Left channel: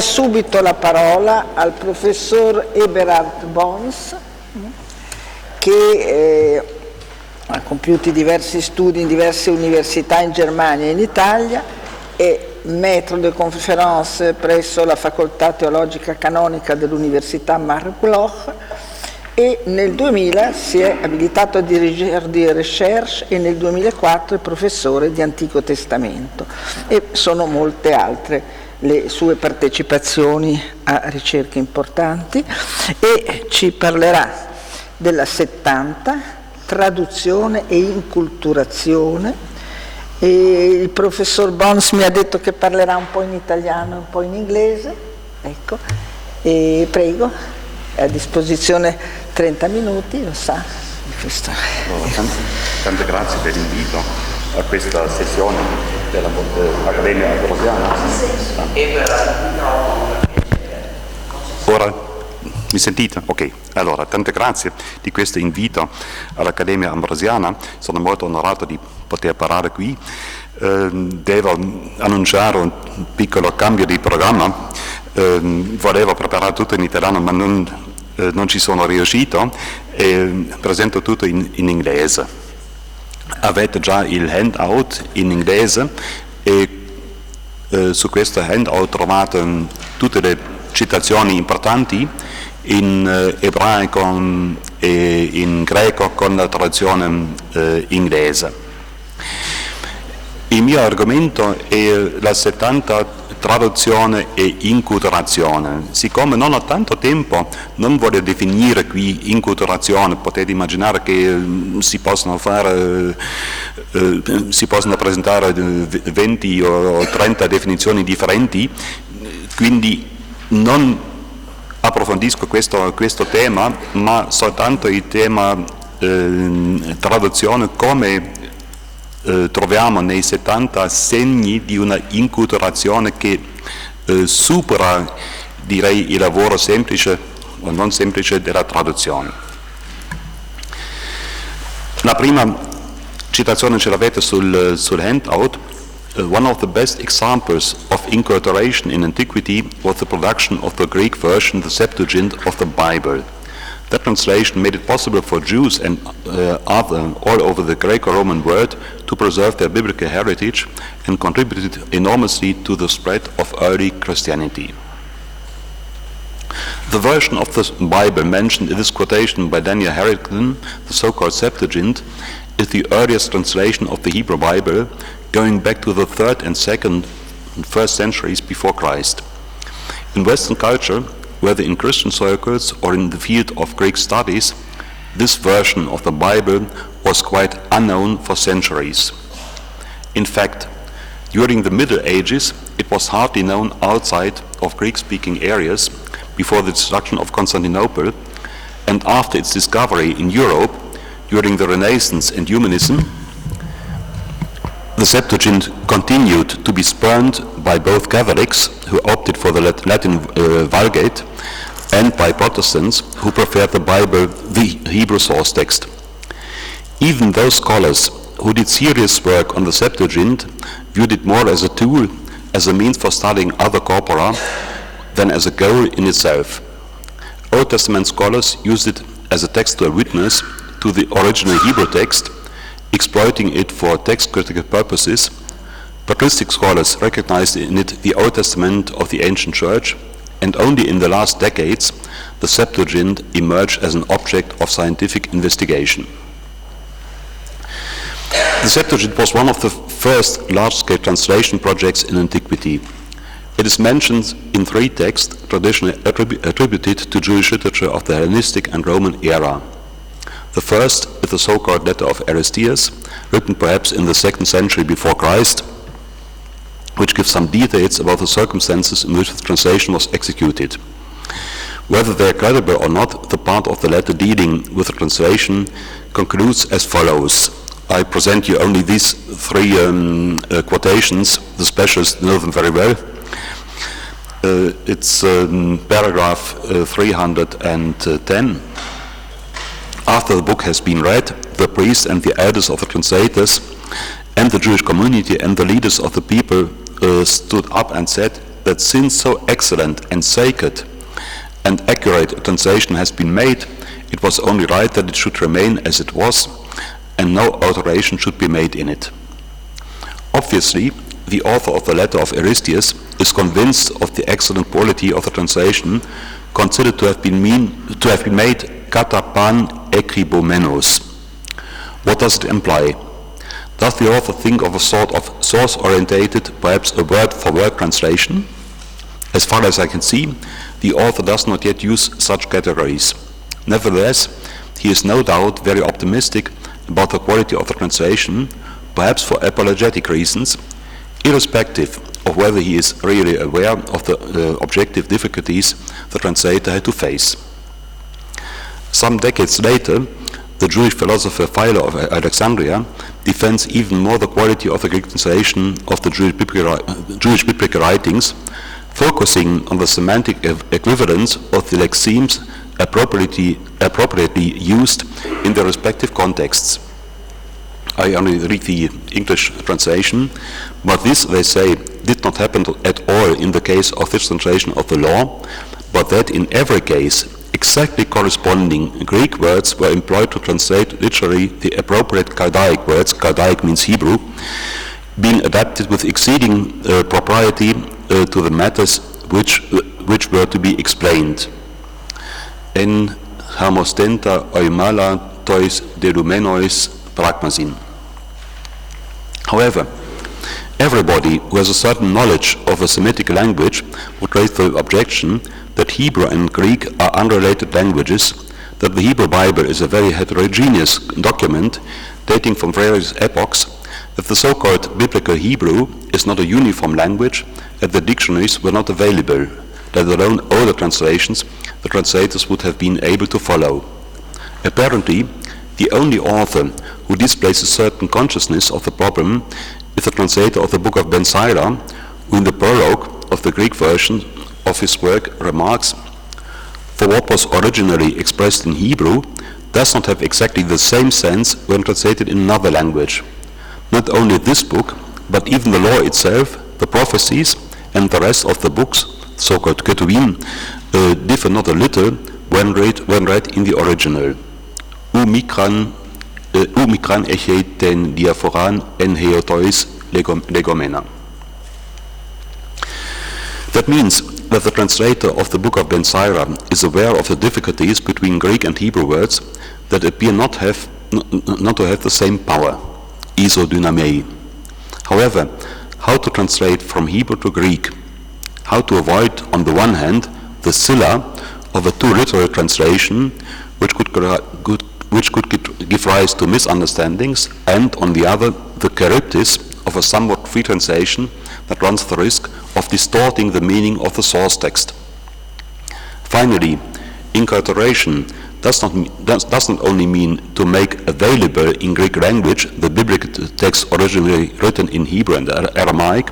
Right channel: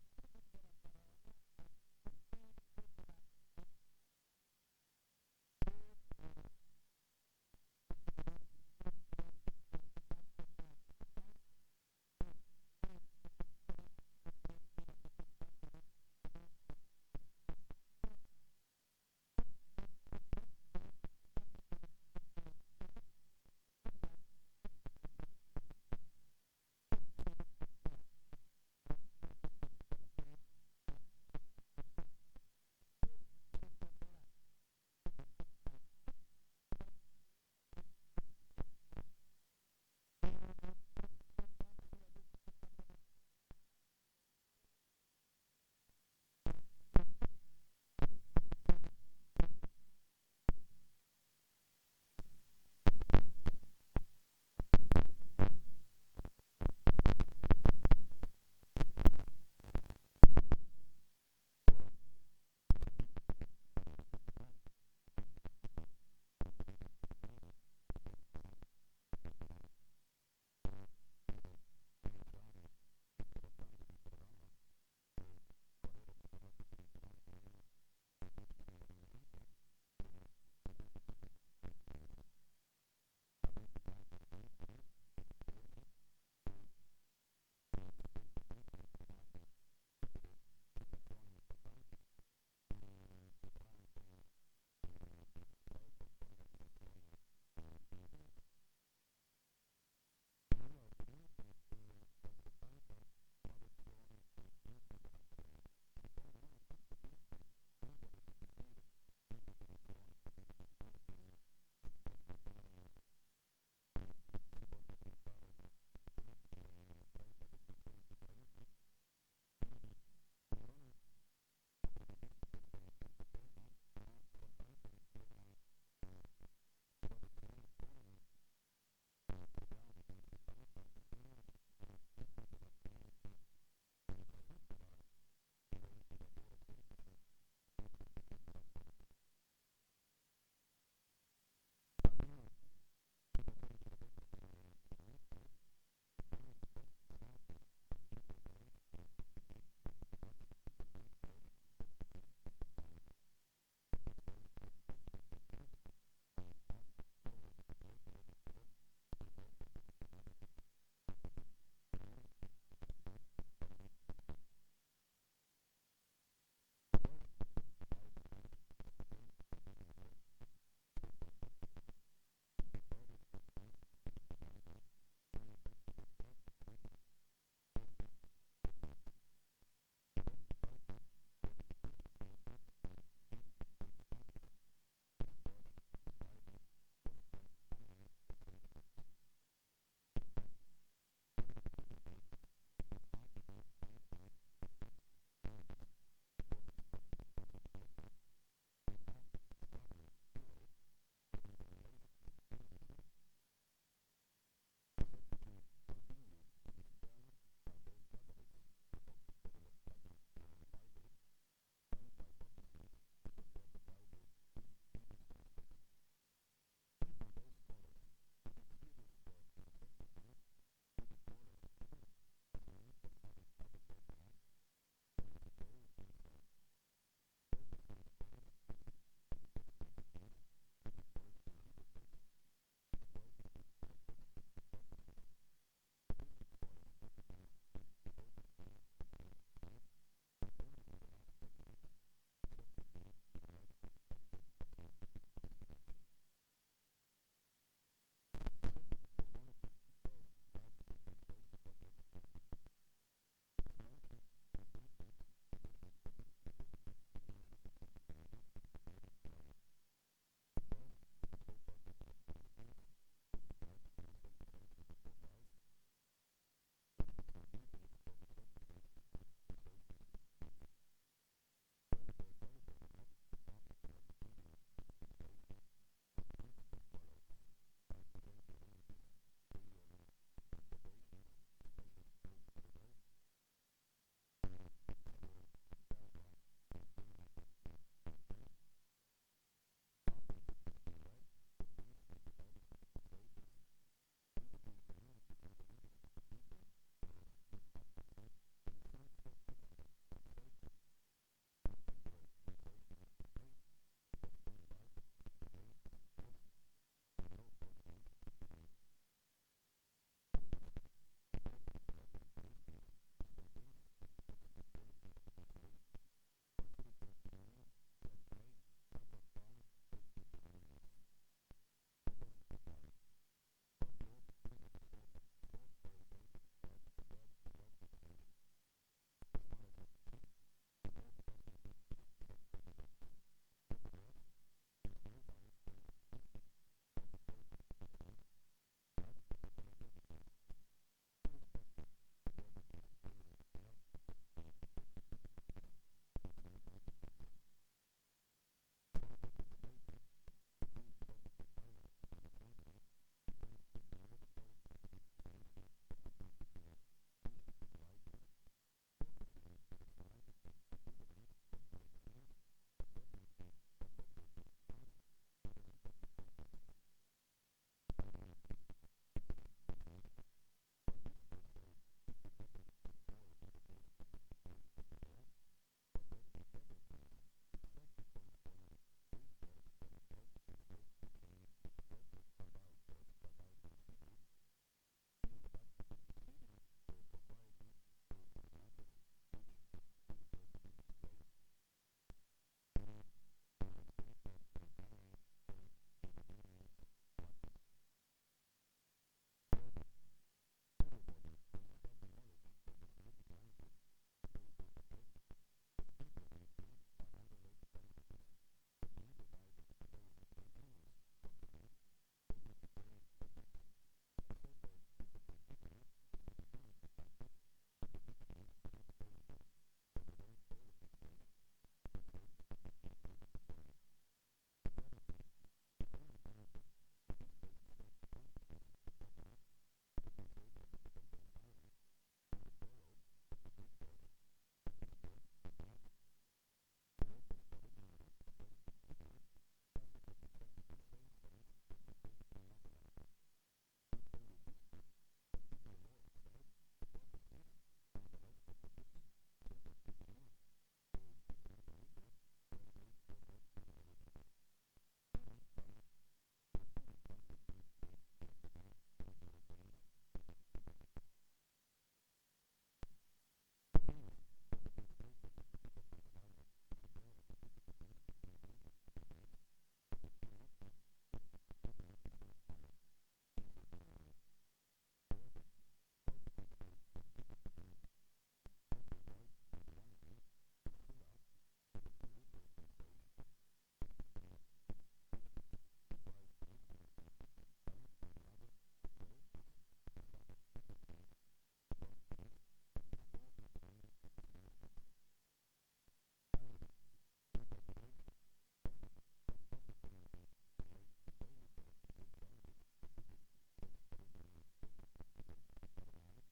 Subito la parola al professor Eberhard Bons, che ha compiuto diversi studi in diverse università in Germania e in Italia, è maître de conférence presso la Facoltà Teologica Canonica dell'Università Marburg e nel 2000 si è abilitato a dirigere di recherche e nel 2004 è professore di Antico Testamento, e sono molte altre le sue partecipazioni a ricerche importanti, e ci parlerà della 70, traduzione e inculturazione. E il professor Bons mi ha detto che parlerà un po' in italiano e un po' in inglese, ecco, e prego, è a disposizione 30 minuti, lo sa. Tante grazie per l'invito a questa sessione dell'Accademia Ambrosiana. Ora mi sentite? Ok, allora tante grazie di questo invito all'Accademia Ambrosiana, sono molto onorato di poter parlare qui. Devo annunciare un piccolo cambio di programma, volevo preparare tutto in italiano ma non ci sono riuscito e presento tutto in inglese. Avete già il handout in inglese e su questo handout trovate tutte le citazioni importanti in ebraico e in greco con la traduzione inglese. Il mio argomento è la 70 traduzione e inculturazione. Siccome non ho tanto tempo, non voglio definire qui inculturazione, potete immaginare che si possono presentare 20 o 30 definizioni differenti, quindi non approfondisco questo tema, ma soltanto il tema traduzione come troviamo nei 70 segni di una inculturazione che supera, direi, il lavoro semplice o non semplice della traduzione. La prima citazione ce l'avete sul handout. One of the best examples of inculturation in antiquity was the production of the Greek version, the Septuagint of the Bible. That translation made it possible for Jews and others all over the Greco-Roman world to preserve their biblical heritage and contributed enormously to the spread of early Christianity. The version of the Bible mentioned in this quotation by Daniel Harrington, the so-called Septuagint, is the earliest translation of the Hebrew Bible, going back to the 3rd and 2nd and 1st centuries before Christ. In Western culture, whether in Christian circles or in the field of Greek studies, this version of the Bible was quite unknown for centuries. In fact, during the Middle Ages, it was hardly known outside of Greek-speaking areas before the destruction of Constantinople, and after its discovery in Europe during the Renaissance and Humanism, the Septuagint continued to be spurned by both Catholics, who opted for the Latin Vulgate, and by Protestants, who preferred the Bible, the Hebrew source text. Even those scholars who did serious work on the Septuagint viewed it more as a tool, as a means for studying other corpora, than as a goal in itself. Old Testament scholars used it as a textual witness to the original Hebrew text, exploiting it for text critical purposes. Patristic scholars recognized in it the Old Testament of the ancient church, and only in the last decades the Septuagint emerged as an object of scientific investigation. The Septuagint was one of the first large-scale translation projects in antiquity. It is mentioned in 3 texts traditionally attributed to Jewish literature of the Hellenistic and Roman era. The first is the so-called letter of Aristeas, written perhaps in the 2nd century before Christ, which gives some details about the circumstances in which the translation was executed. Whether they are credible or not, the part of the letter dealing with the translation concludes as follows. I present you only these 3 quotations. The specialists know them very well. It's paragraph 310. After the book has been read, the priests and the elders of the translators and the Jewish community and the leaders of the people stood up and said, that since so excellent and sacred and accurate a translation has been made, it was only right that it should remain as it was, and no alteration should be made in it. Obviously, the author of the letter of Aristeas is convinced of the excellent quality of the translation, considered to have been made kata pan ekribomenos. What does it imply? Does the author think of a sort of source-orientated, perhaps a word-for-word translation? As far as I can see, the author does not yet use such categories. Nevertheless, he is no doubt very optimistic about the quality of the translation, perhaps for apologetic reasons, irrespective of whether he is really aware of the objective difficulties the translator had to face. Some decades later, the Jewish philosopher Philo of Alexandria defends even more the quality of the Greek translation of the Jewish biblical writings, focusing on the semantic equivalence of the lexemes appropriately used in their respective contexts. I only read the English translation, but this, they say, did not happen at all in the case of this translation of the law, but that in every case, exactly corresponding Greek words were employed to translate literally the appropriate Chaldaic words, Chaldaic means Hebrew, being adapted with exceeding propriety to the matters which were to be explained. En hamostenta oimala tois delumenois pragmasin. However, everybody who has a certain knowledge of a Semitic language would raise the objection that Hebrew and Greek are unrelated languages, that the Hebrew Bible is a very heterogeneous document dating from various epochs, that the so-called biblical Hebrew is not a uniform language, that the dictionaries were not available, let alone all the translations the translators would have been able to follow. Apparently, the only author who displays a certain consciousness of the problem is the translator of the book of Ben Sira, who in the prologue of the Greek version of his work remarks, "For what was originally expressed in Hebrew does not have exactly the same sense when translated in another language. Not only this book, but even the law itself, the prophecies, and the rest of the books, so-called Ketuvim, differ not a little when read in the original. Umikran echei ten diaphoran en heotois legomena." That means that the translator of the book of Ben Sira is aware of the difficulties between Greek and Hebrew words that appear not to have the same power, isodynamei. However, how to translate from Hebrew to Greek, how to avoid, on the one hand, the scylla of a too literal translation, which could give rise to misunderstandings, and, on the other, the charybdis of a somewhat free translation that runs the risk of distorting the meaning of the source text. Finally, inculturation does not only mean to make available in Greek language the biblical text originally written in Hebrew and Aramaic,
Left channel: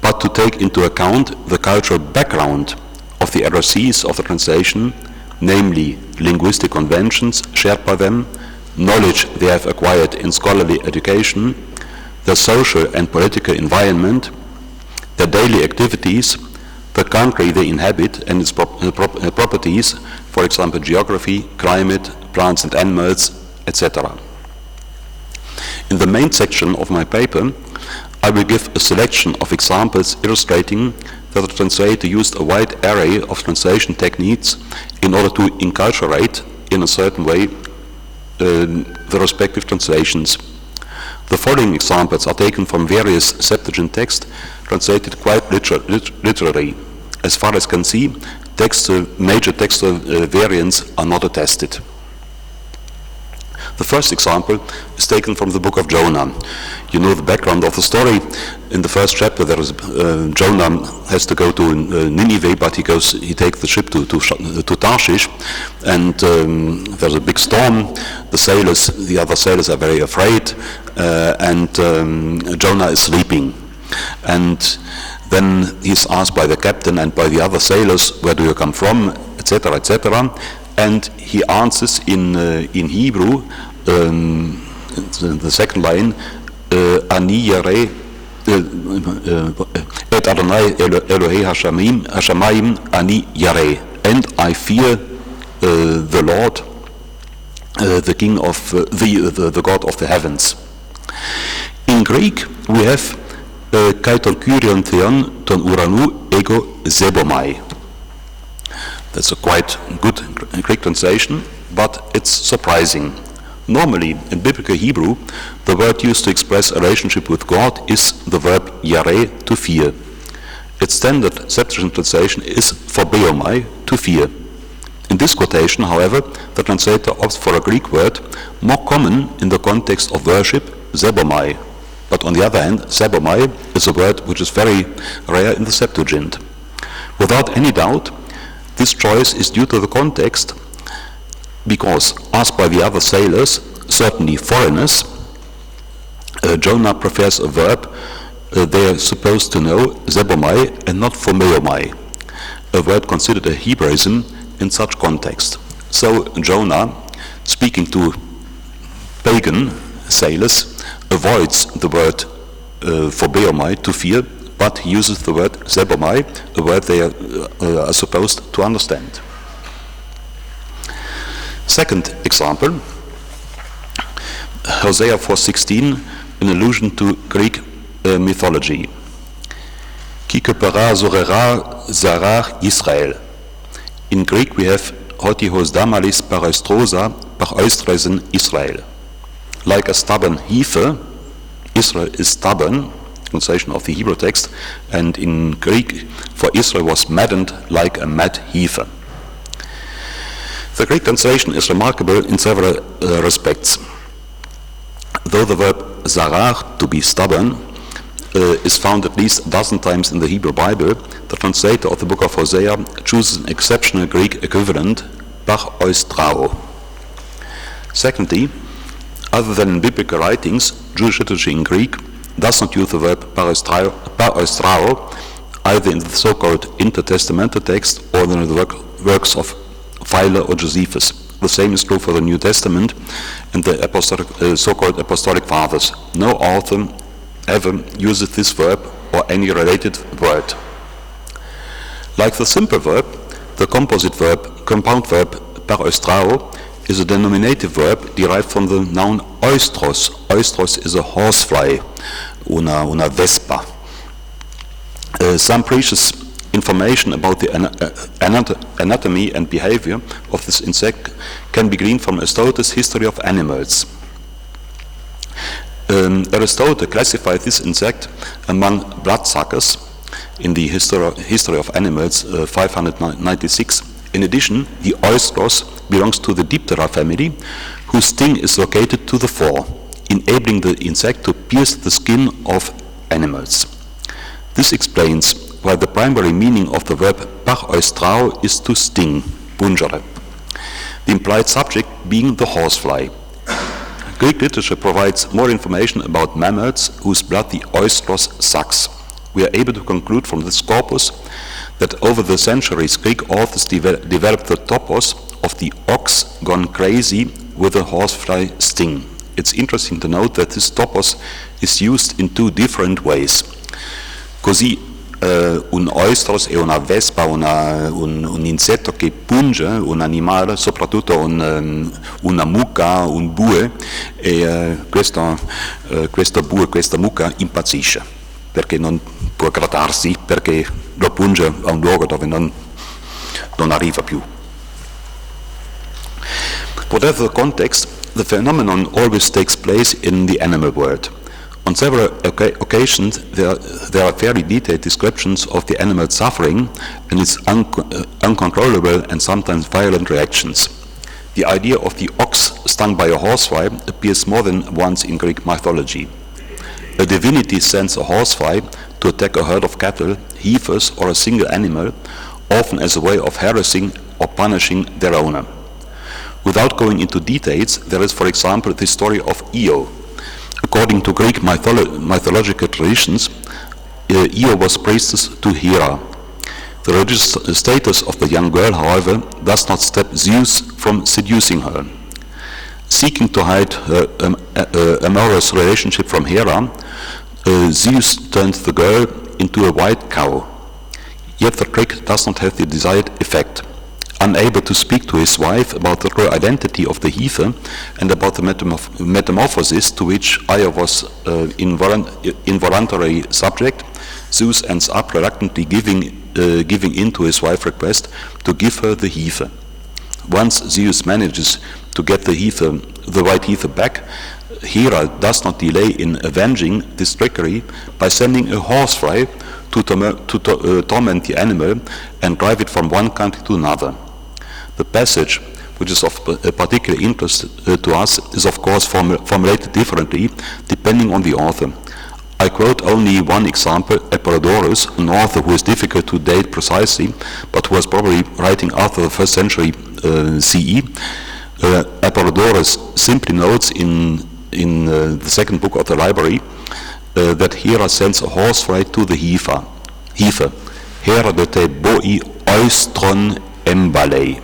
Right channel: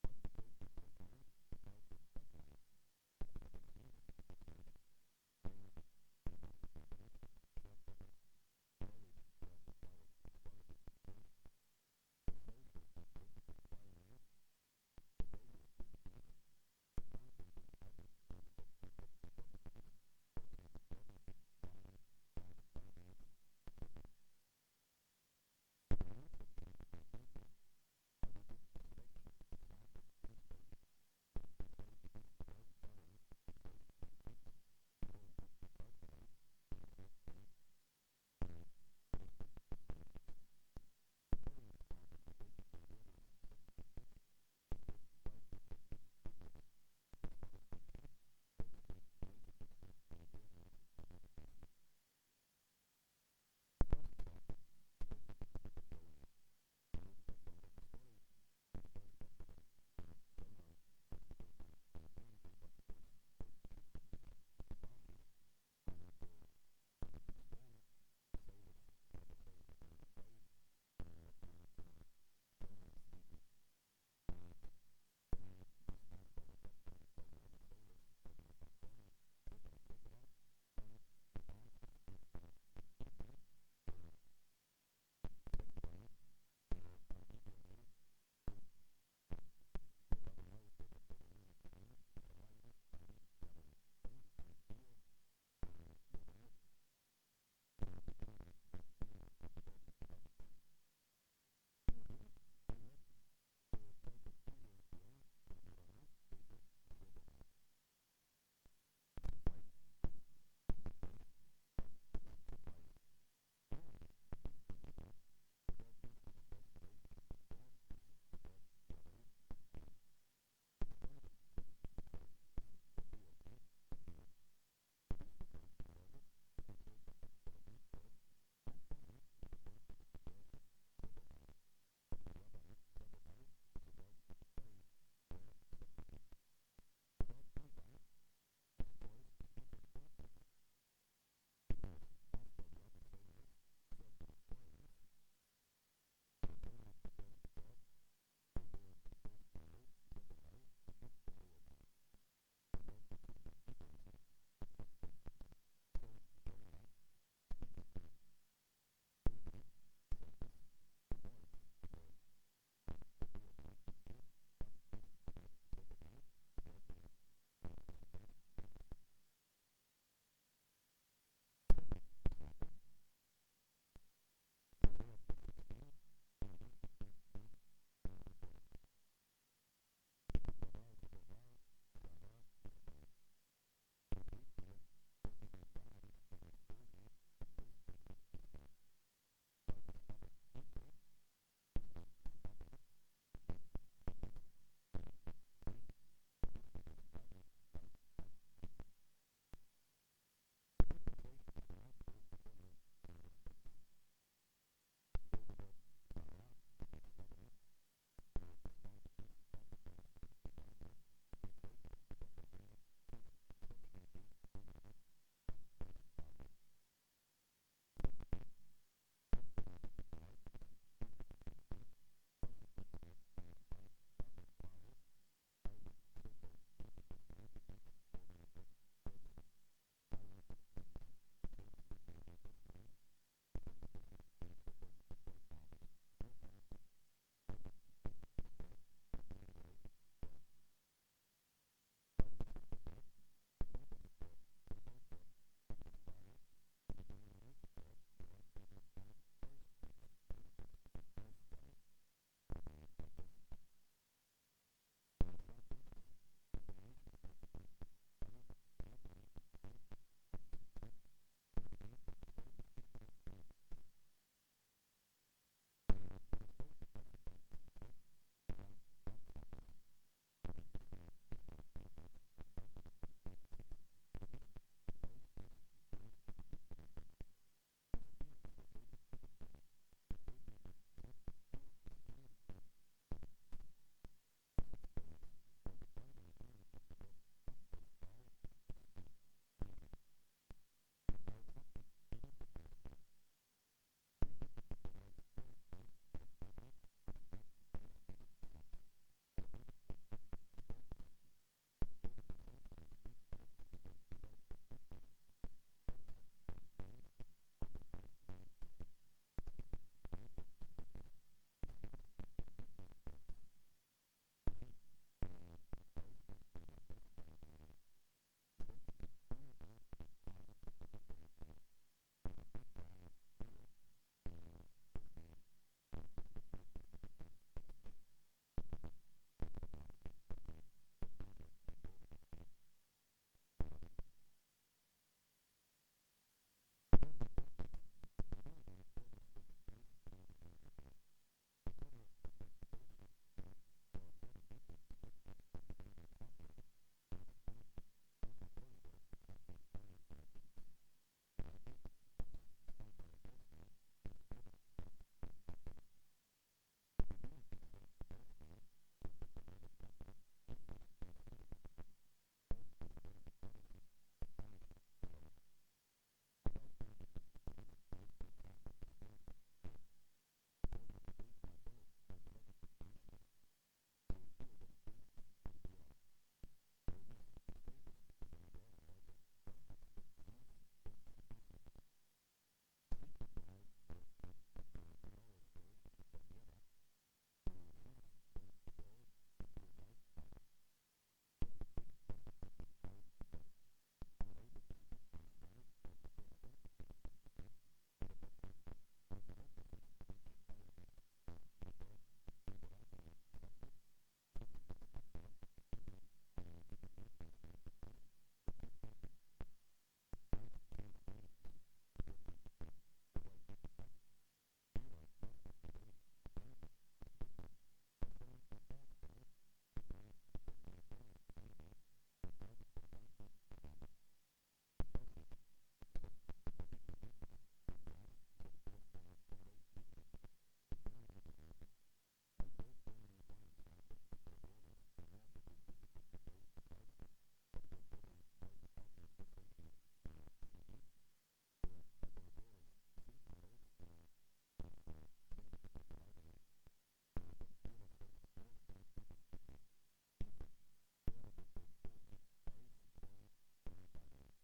but to take into account the cultural background of the heresies of the translation, namely linguistic conventions shared by them, knowledge they have acquired in scholarly education, the social and political environment, their daily activities, the country they inhabit and its properties, for example, geography, climate, plants and animals, etc. In the main section of my paper, I will give a selection of examples illustrating that the translator used a wide array of translation techniques in order to enculturate, in a certain way, the respective translations. The following examples are taken from various Septuagint texts translated quite literally. As far as can see, major textual variants are not attested. The first example is taken from the book of Jonah. You know the background of the story. In the first chapter, there is Jonah has to go to Nineveh, but he takes the ship to Tarshish, and there's a big storm. The other sailors are very afraid, and Jonah is sleeping. And then he's asked by the captain and by the other sailors, "Where do you come from?" etc., etc. And he answers in Hebrew, the second line, "Ani yare Et Adonai Elohei Hashamayim Ani Yareh, and I fear the Lord, the King of the God of the heavens. In Greek, we have kai ton Kyrion Theon ton Uranu ego Zebomai. That's a quite good Greek translation, but it's surprising. Normally, in biblical Hebrew, the word used to express a relationship with God is the verb yareh, to fear. Its standard Septuagint translation is phobomai, to fear. In this quotation, however, the translator opts for a Greek word more common in the context of worship, zebomai. But on the other hand, zebomai is a word which is very rare in the Septuagint. Without any doubt, this choice is due to the context, because, asked by the other sailors, certainly foreigners, Jonah prefers a verb they are supposed to know, zebomai, and not phomeomai, a word considered a Hebraism in such context. So Jonah, speaking to pagan sailors, avoids the word phobeomai, to fear, but he uses the word zebomai, a word they are supposed to understand. Second example, Hosea 4:16, an allusion to Greek mythology. Ki kepera zorera zarach Israel. In Greek we have hoti hos damalis paraestrosa paraestresen Israel. Like a stubborn heifer, Israel is stubborn, translation of the Hebrew text, and in Greek for Israel was maddened like a mad heifer. The Greek translation is remarkable in several respects. Though the verb zarach, to be stubborn, is found at least a dozen times in the Hebrew Bible, the translator of the book of Hosea chooses an exceptional Greek equivalent, paraostrao. Secondly, other than in biblical writings, Jewish literature in Greek does not use the verb paraostrao either in the so-called intertestamental text or in the works of Philo or Josephus. The same is true for the New Testament and the so-called apostolic fathers. No author ever uses this verb or any related word. Like the simple verb, the compound verb paraostrao is a denominative verb derived from the noun oistros. Oistros is a horsefly, una vespa. Some precious information about the anatomy and behavior of this insect can be gleaned from Aristotle's History of Animals. Aristotle classified this insect among bloodsuckers in the History of Animals 596. In addition, the oistros belongs to the Diptera family, whose sting is located to the fore, enabling the insect to pierce the skin of animals. This explains why the primary meaning of the verb paraostrao is to sting, pungere, the implied subject being the horsefly. Greek literature provides more information about mammals whose blood the oistros sucks. We are able to conclude from this corpus that over the centuries Greek authors developed the topos of the ox gone crazy with a horsefly sting. It's interesting to note that this topos is used in two different ways. Così un oistros è una vespa, un insetto che punge un animale, soprattutto una mucca, un bue, e questo bue, questa mucca impazzisce, perché non può grattarsi, perché lo punge a un luogo dove non arriva più. Whatever the context, the phenomenon always takes place in the animal world. On several occasions, there are fairly detailed descriptions of the animal's suffering and its uncontrollable and sometimes violent reactions. The idea of the ox stung by a horsefly appears more than once in Greek mythology. A divinity sends a horsefly to attack a herd of cattle, heifers, or a single animal, often as a way of harassing or punishing their owner. Without going into details, there is, for example, the story of Io. According to Greek mythological traditions, Io was priestess to Hera. The religious status of the young girl, however, does not stop Zeus from seducing her. Seeking to hide her amorous relationship from Hera, Zeus turned the girl into a white cow. Yet the trick does not have the desired effect. Unable to speak to his wife about the true identity of the heifer and about the metamorphosis to which Io was involuntary subject, Zeus ends up reluctantly giving in to his wife's request to give her the heifer. Once Zeus manages to get the white heifer back, Hera does not delay in avenging this trickery by sending a horsefly to torment the animal and drive it from one country to another. The passage, which is of particular interest to us, is of course formulated differently depending on the author. I quote only one example, Apollodorus, an author who is difficult to date precisely, but who was probably writing after the 1st century CE. Apollodorus simply notes in the second book of the library that Hera sends a horsefly to the heifer. Hera de te boi oistron emballei.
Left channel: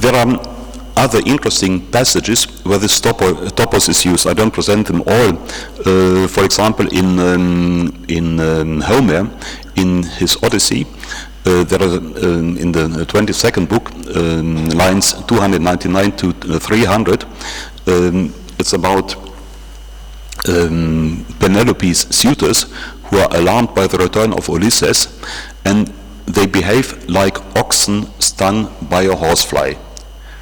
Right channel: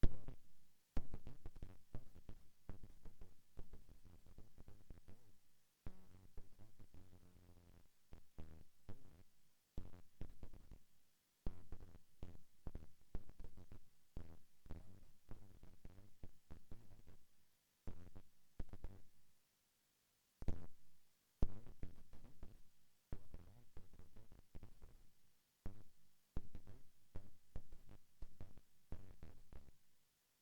There are other interesting passages where this topos is used. I don't present them all. For example, in Homer, in his Odyssey, there are in the 22nd book, lines 299 to 300. It's about Penelope's suitors who are alarmed by the return of Ulysses, and they behave like oxen stung by a horsefly.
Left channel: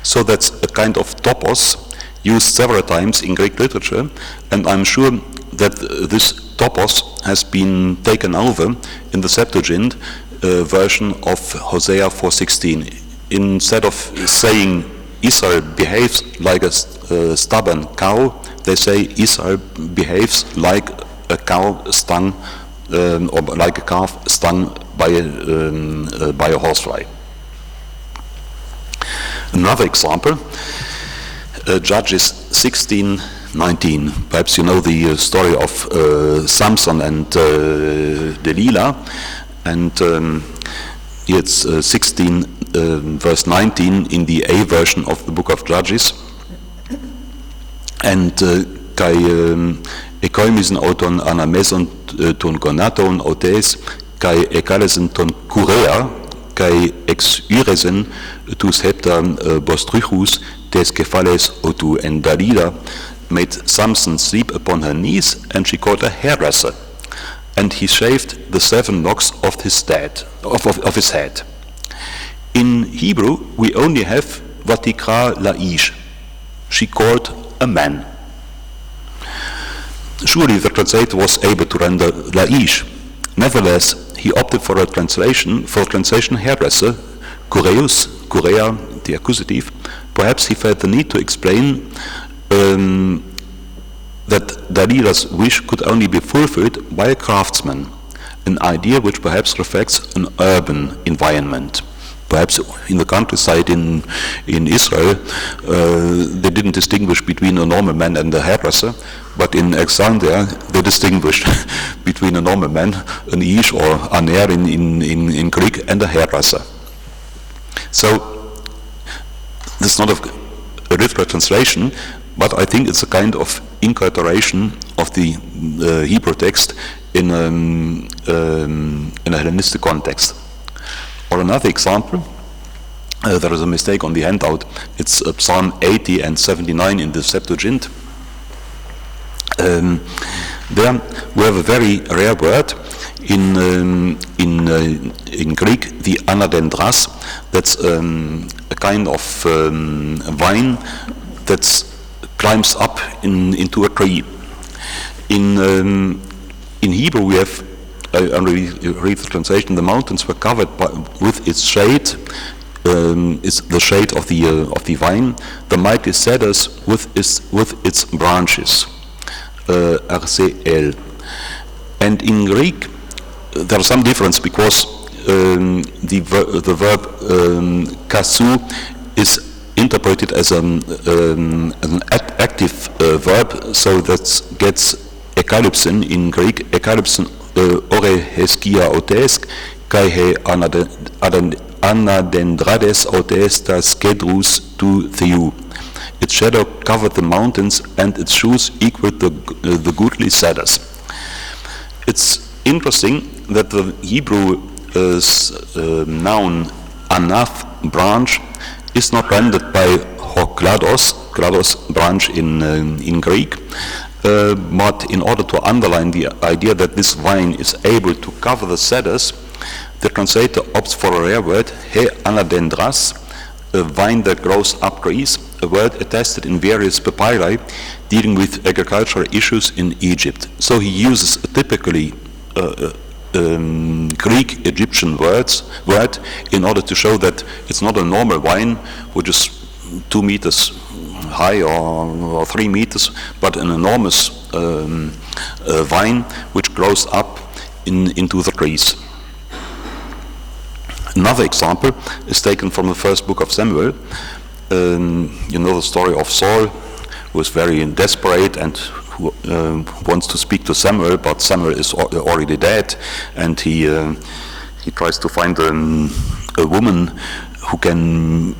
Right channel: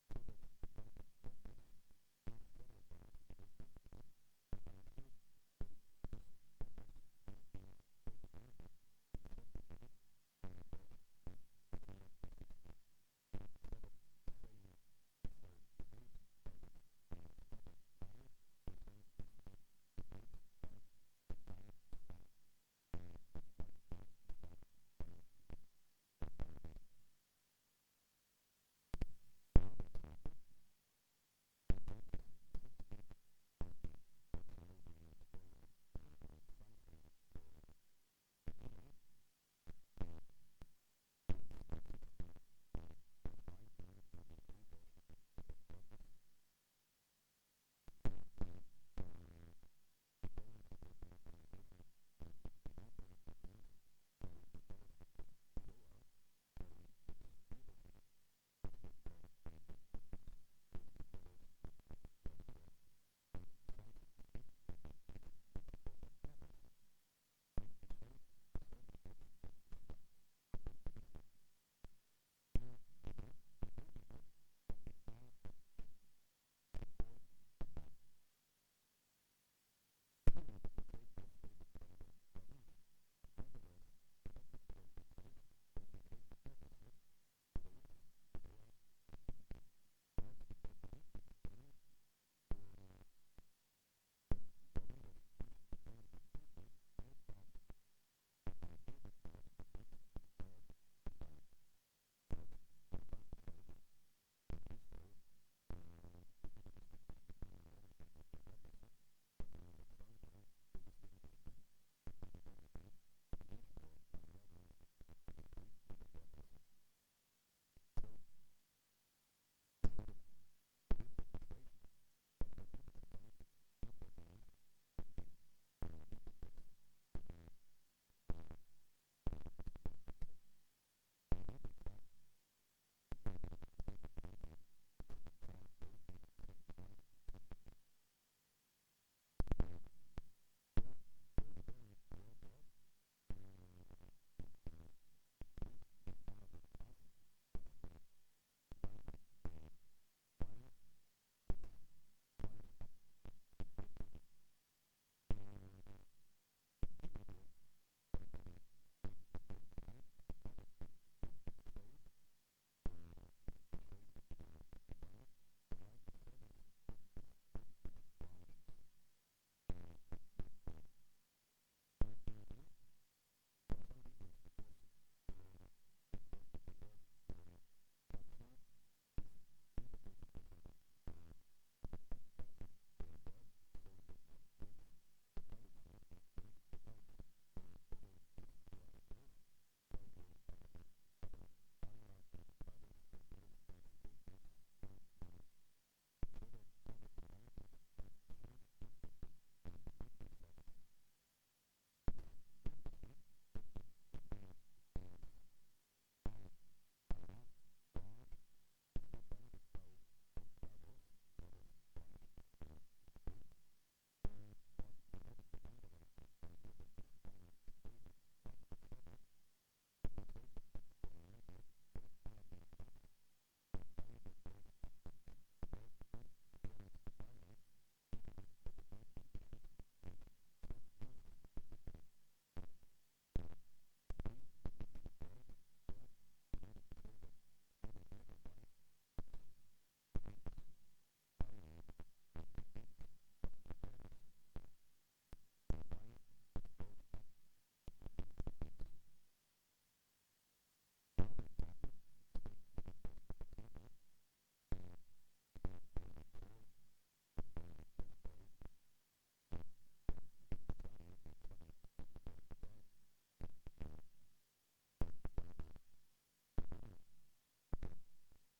So that's a kind of topos used several times in Greek literature, and I'm sure that this topos has been taken over in the Septuagint version of Hosea 4:16. Instead of saying Israel behaves like a stubborn cow, they say Israel behaves like a cow stung, or like a calf stung by a horsefly. Another example, Judges 16:19. Perhaps you know the story of Samson and Delilah, and it's 16 verse 19 in the A version of the book of Judges. And kai ekoimisen auton anameson ton gonaton autes kai ekalesen ton kurea kai ex yresen tus hepta bostruchus des kefales otu, and Dalila made Samson sleep upon her knees, and she called a hairdresser, and he shaved the 7 locks of his head. In Hebrew, we only have vatikra laish. She called a man. Surely the translator was able to render laish. Nevertheless, he opted for translation hairdresser, kureus, kurea, the accusative. Perhaps he felt the need to explain that Dalilah's wish could only be fulfilled by a craftsman, an idea which perhaps reflects an urban environment. Perhaps in the countryside in Israel, they didn't distinguish between a normal man and a hairdresser, but in Alexandria, they distinguished between a normal man, an ish or aner in Greek, and a hairdresser. So, this is not a literal translation, but I think it's a kind of incorporation of the Hebrew text in a Hellenistic context. Or another example, there is a mistake on the handout. It's Psalm 80 and 79 in the Septuagint. There we have a very rare word in Greek, the anadendras. That's a kind of vine that climbs up into a tree. In Hebrew, we have, I already read the translation, the mountains were covered with its shade. It's the shade of the vine. The mighty cedars with its branches. RCL. And in Greek, there is some difference because the verb kasu is interpreted as an active verb, so that gets ekalypsin in Greek. Ekalypsin ore heskia otesk kai he anadendrades otestas kedrus tu theou. its shadow covered the mountains, and its shoes equaled the goodly cedars. It's interesting that the Hebrew noun anath, branch, is not rendered by klados, branch in Greek, but in order to underline the idea that this vine is able to cover the cedars, the translator opts for a rare word, he anadendras, a vine that grows up trees, a word attested in various papyri dealing with agricultural issues in Egypt. So he uses a typically Greek Egyptian word in order to show that it's not a normal vine which is 2 meters high or 3 meters, but an enormous vine which grows up into the trees. Another example is taken from the first book of Samuel. You know the story of Saul, who is very desperate and who wants to speak to Samuel, but Samuel is already dead, and he tries to find a woman who can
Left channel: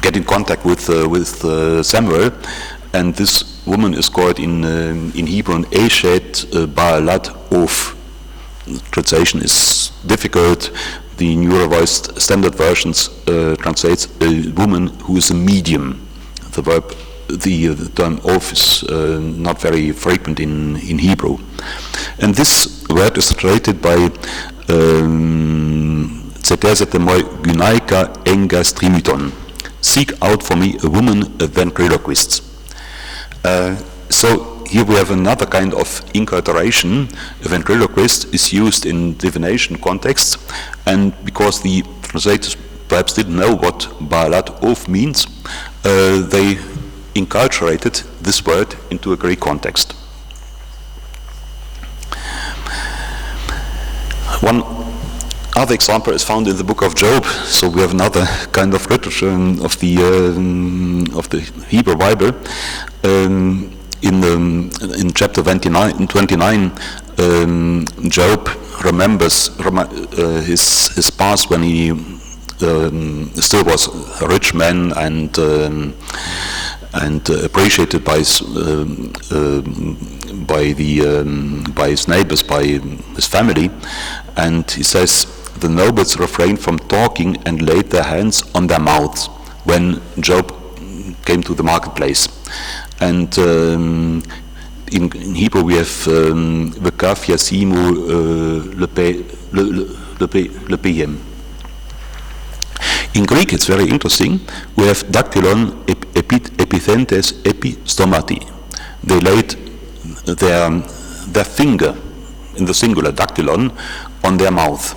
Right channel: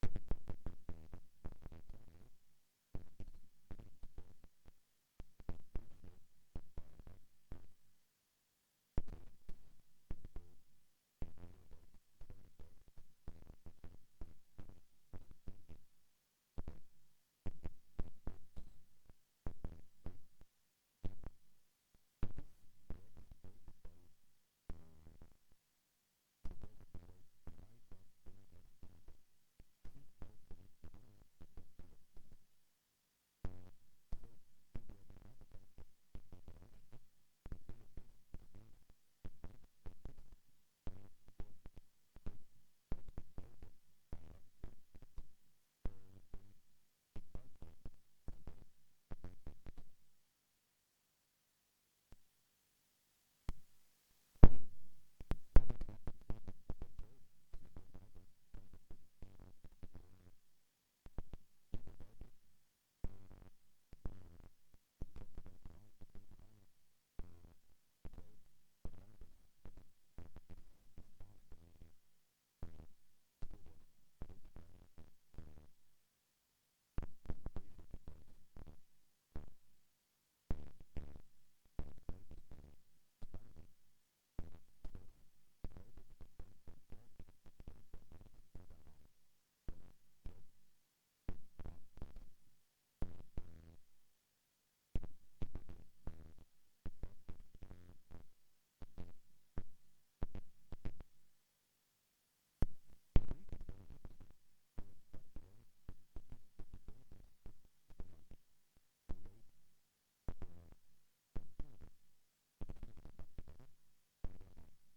get in contact with Samuel, and this woman is called in Hebrew Eshet Baalat Of. Translation is difficult. The New Revised Standard Versions translates a woman who is a medium. The term Of is not very frequent in Hebrew. And this word is translated by Zetesete moi gynaika engas trimiton. Seek out for me a woman, a ventriloquist. So here we have another kind of inculturation. A ventriloquist is used in divination contexts, and because the translators perhaps didn't know what Baalat Of means, they inculturated this word into a Greek context. One other example is found in the book of Job. So we have another kind of literature of the Hebrew Bible. In chapter 29, Job remembers his past when he still was a rich man and appreciated by his neighbors, by his family. And he says, the nobles refrained from talking and laid their hands on their mouths when Job came to the marketplace. And in Hebrew we have V'kaf yasimu lepeyem. In Greek it's very interesting. We have dactylon epithentes epistomati. They laid their finger, in the singular dactylon, on their mouth.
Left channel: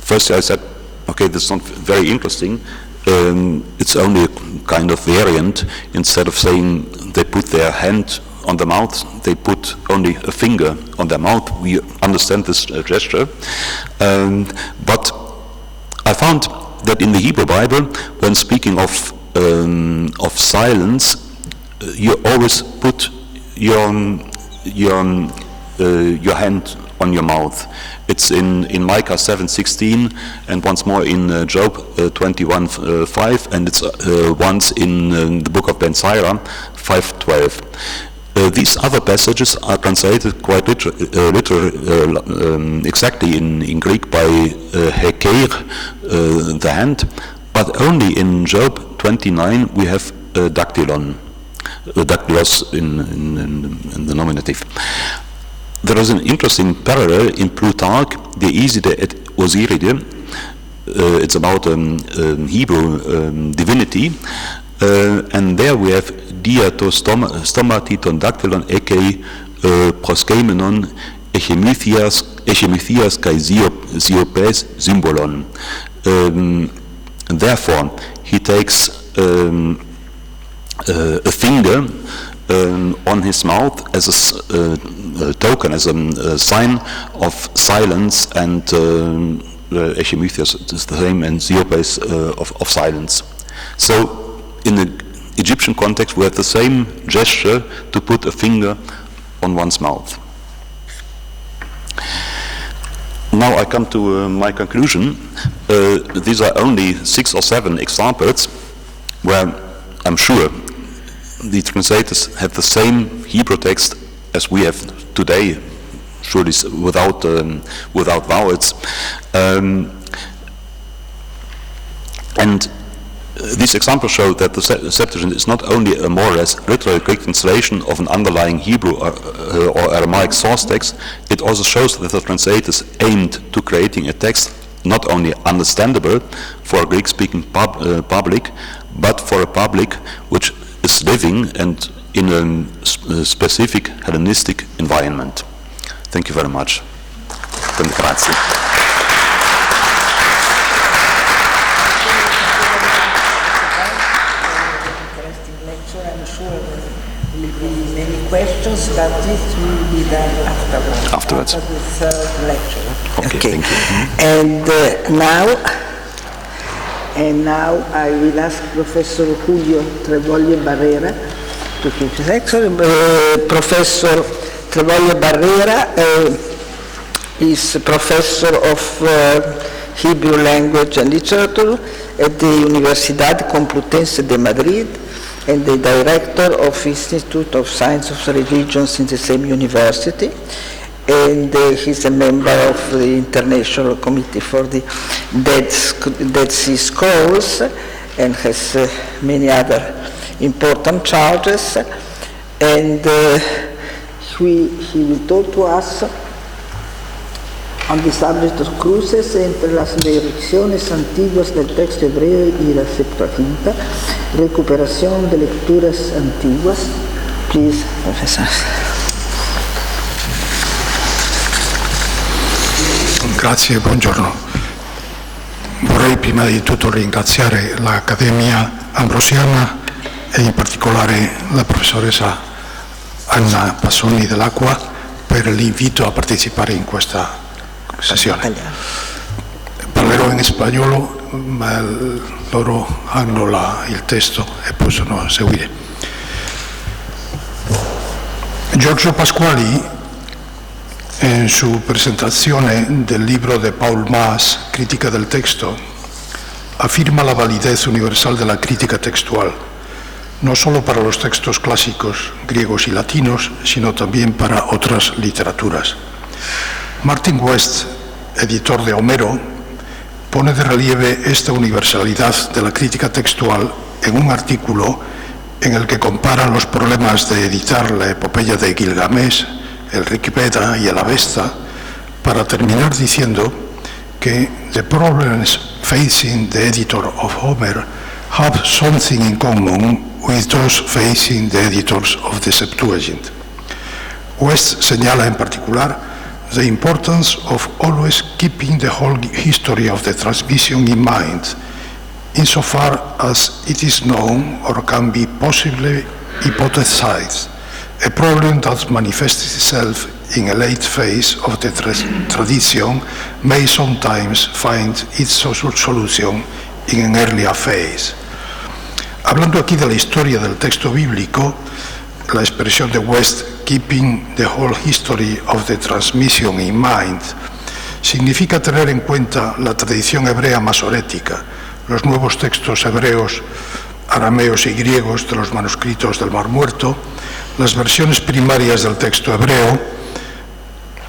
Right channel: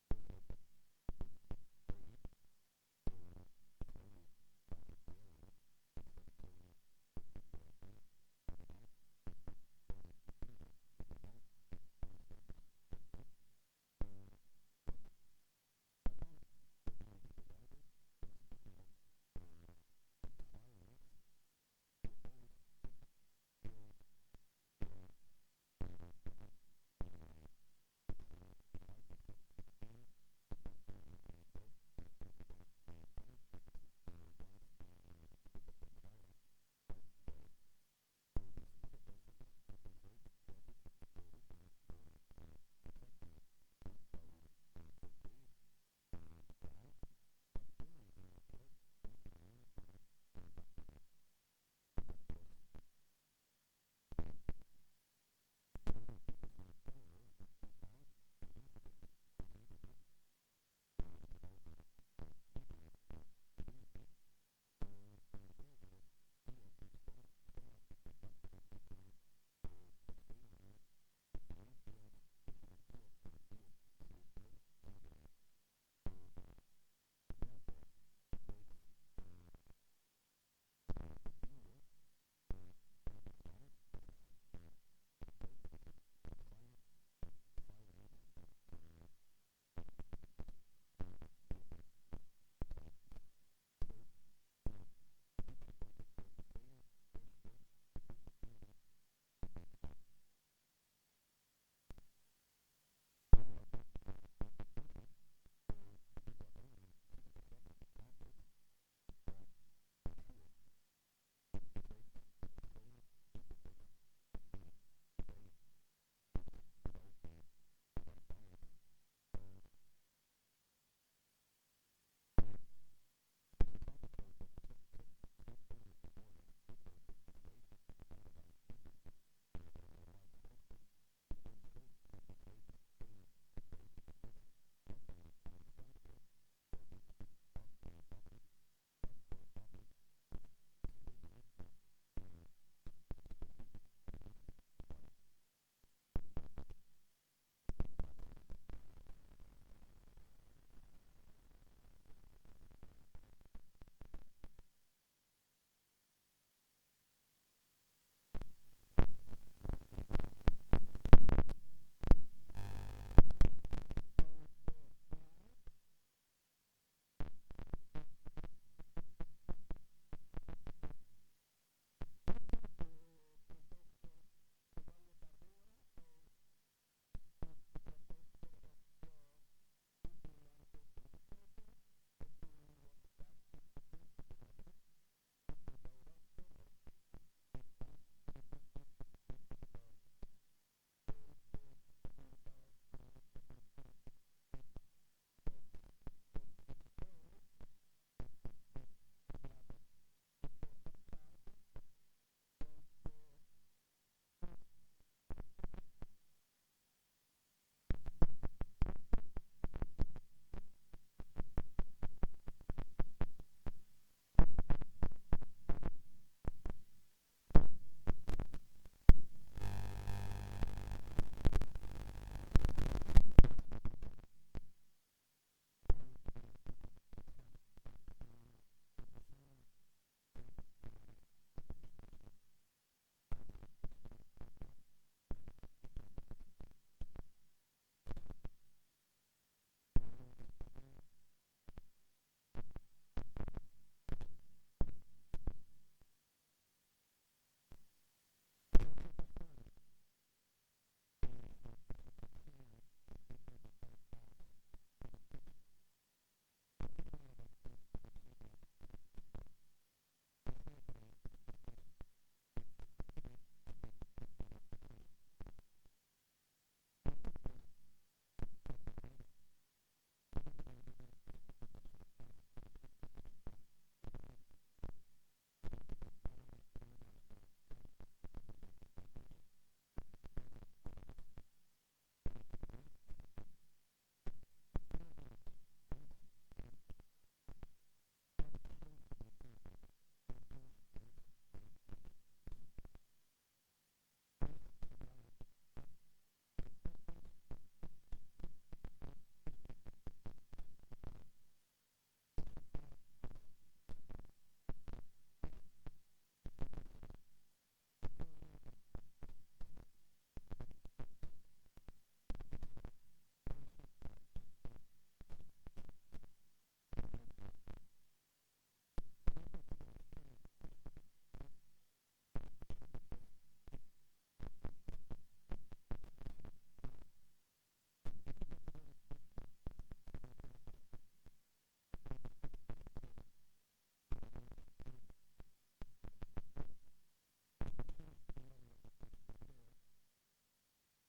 First I said, okay, this is not very interesting. It's only a kind of variant. Instead of saying they put their hand on the mouth, they put only a finger on their mouth. We understand this gesture. But I found that in the Hebrew Bible, when speaking of silence, you always put your hand on your mouth. It's in Micah 7:16, and once more in Job 21:5, and it's once in the book of Ben Sira 5:12. These other passages are translated quite exactly in Greek by hekeir, the hand, but only in Job 29 we have dactylon, dactylos in the nominative. There is an interesting parallel in Plutarch, De Iside et Osiride. It's about Hebrew divinity, and there we have diato stomatiton dactylon eke proskeimenon echemithias kai ziopes symbolon. Therefore, he takes a finger on his mouth as a token, as a sign of silence, and Echemithias is the same, and Ziopes of silence. So in the Egyptian context we have the same gesture to put a finger on one's mouth. Now I come to my conclusion. These are only 6 or 7 examples where I'm sure the translators have the same Hebrew text as we have today, surely without vowels. And these examples show that the Septuagint is not only a more or less literal Greek translation of an underlying Hebrew or Aramaic source text, it also shows that the translators aimed to creating a text not only understandable for a Greek-speaking public, but for a public which is living and in a specific Hellenistic environment. Thank you very much. Grazie. Questions, but this will be done afterwards. After the third lecture. Okay. Thank you. And now I will ask Professor Julio Trevoglio Barrera to give his lecture. Professor Trevoglio Barrera is professor of Hebrew language and literature at the Universidad Complutense de Madrid, and the director of Institute of Science of Religions in the same university, and he's a member of the International Committee for the Dead Sea Scrolls, and has many other important charges, and he will talk to us on the subject of cruces entre las direcciones antiguas del texto hebreo y la Septuaginta, recuperación de lecturas antiguas. Please, Professor. Grazie, buongiorno. Vorrei prima di tutto ringraziare l'Accademia Ambrosiana e in particolare la professoressa Anna Passoni dell'Acqua per l'invito a partecipare in questa sessione. Parlerò in spagnolo, ma loro hanno il testo e possono seguire. Giorgio Pasquali, en su presentazione del libro de Paul Maas, Crítica del Texto, afirma la validez universal de la crítica textual, no solo para los textos clásicos griegos y latinos, sino también para otras literaturas. Martin West, editor de Homero, pone de relieve esta universalidad de la crítica textual en un artículo en el que compara los problemas de editar la epopeya de Gilgamesh, el Rig Veda y el Avesta, para terminar diciendo que the problems facing the editor of Homer have something in common with those facing the editors of the Septuagint. West señala en particular the importance of always keeping the whole history of the transmission in mind, insofar as it is known or can be possibly hypothesized, a problem that manifests itself in a late phase of the tradition may sometimes find its solution in an earlier phase. Hablando aquí de la historia del texto bíblico, la expresión de West, keeping the whole history of the transmission in mind, significa tener en cuenta la tradición hebrea masorética, los nuevos textos hebreos, arameos y griegos de los manuscritos del Mar Muerto, las versiones primarias del texto hebreo,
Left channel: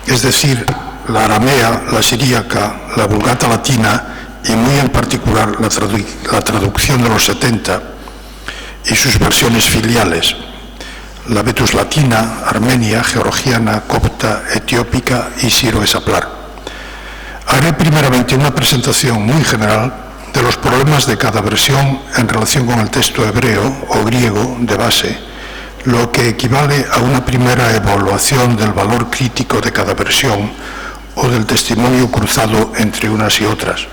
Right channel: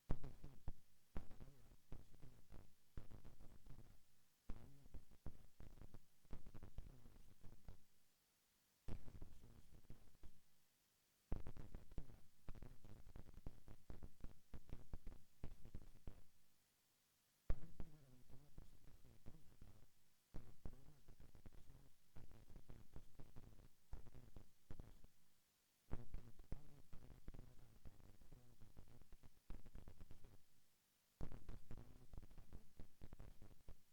es decir, la aramea, la siríaca, la vulgata latina y muy en particular la traducción de los 70 y sus versiones filiales, la Vetus latina, armenia, georgiana, copta, etiópica y siro-esaplar. Haré primeramente una presentación muy general de los problemas de cada versión en relación con el texto hebreo o griego de base, lo que equivale a una primera evaluación del valor crítico de cada versión o del testimonio cruzado entre unas y otras.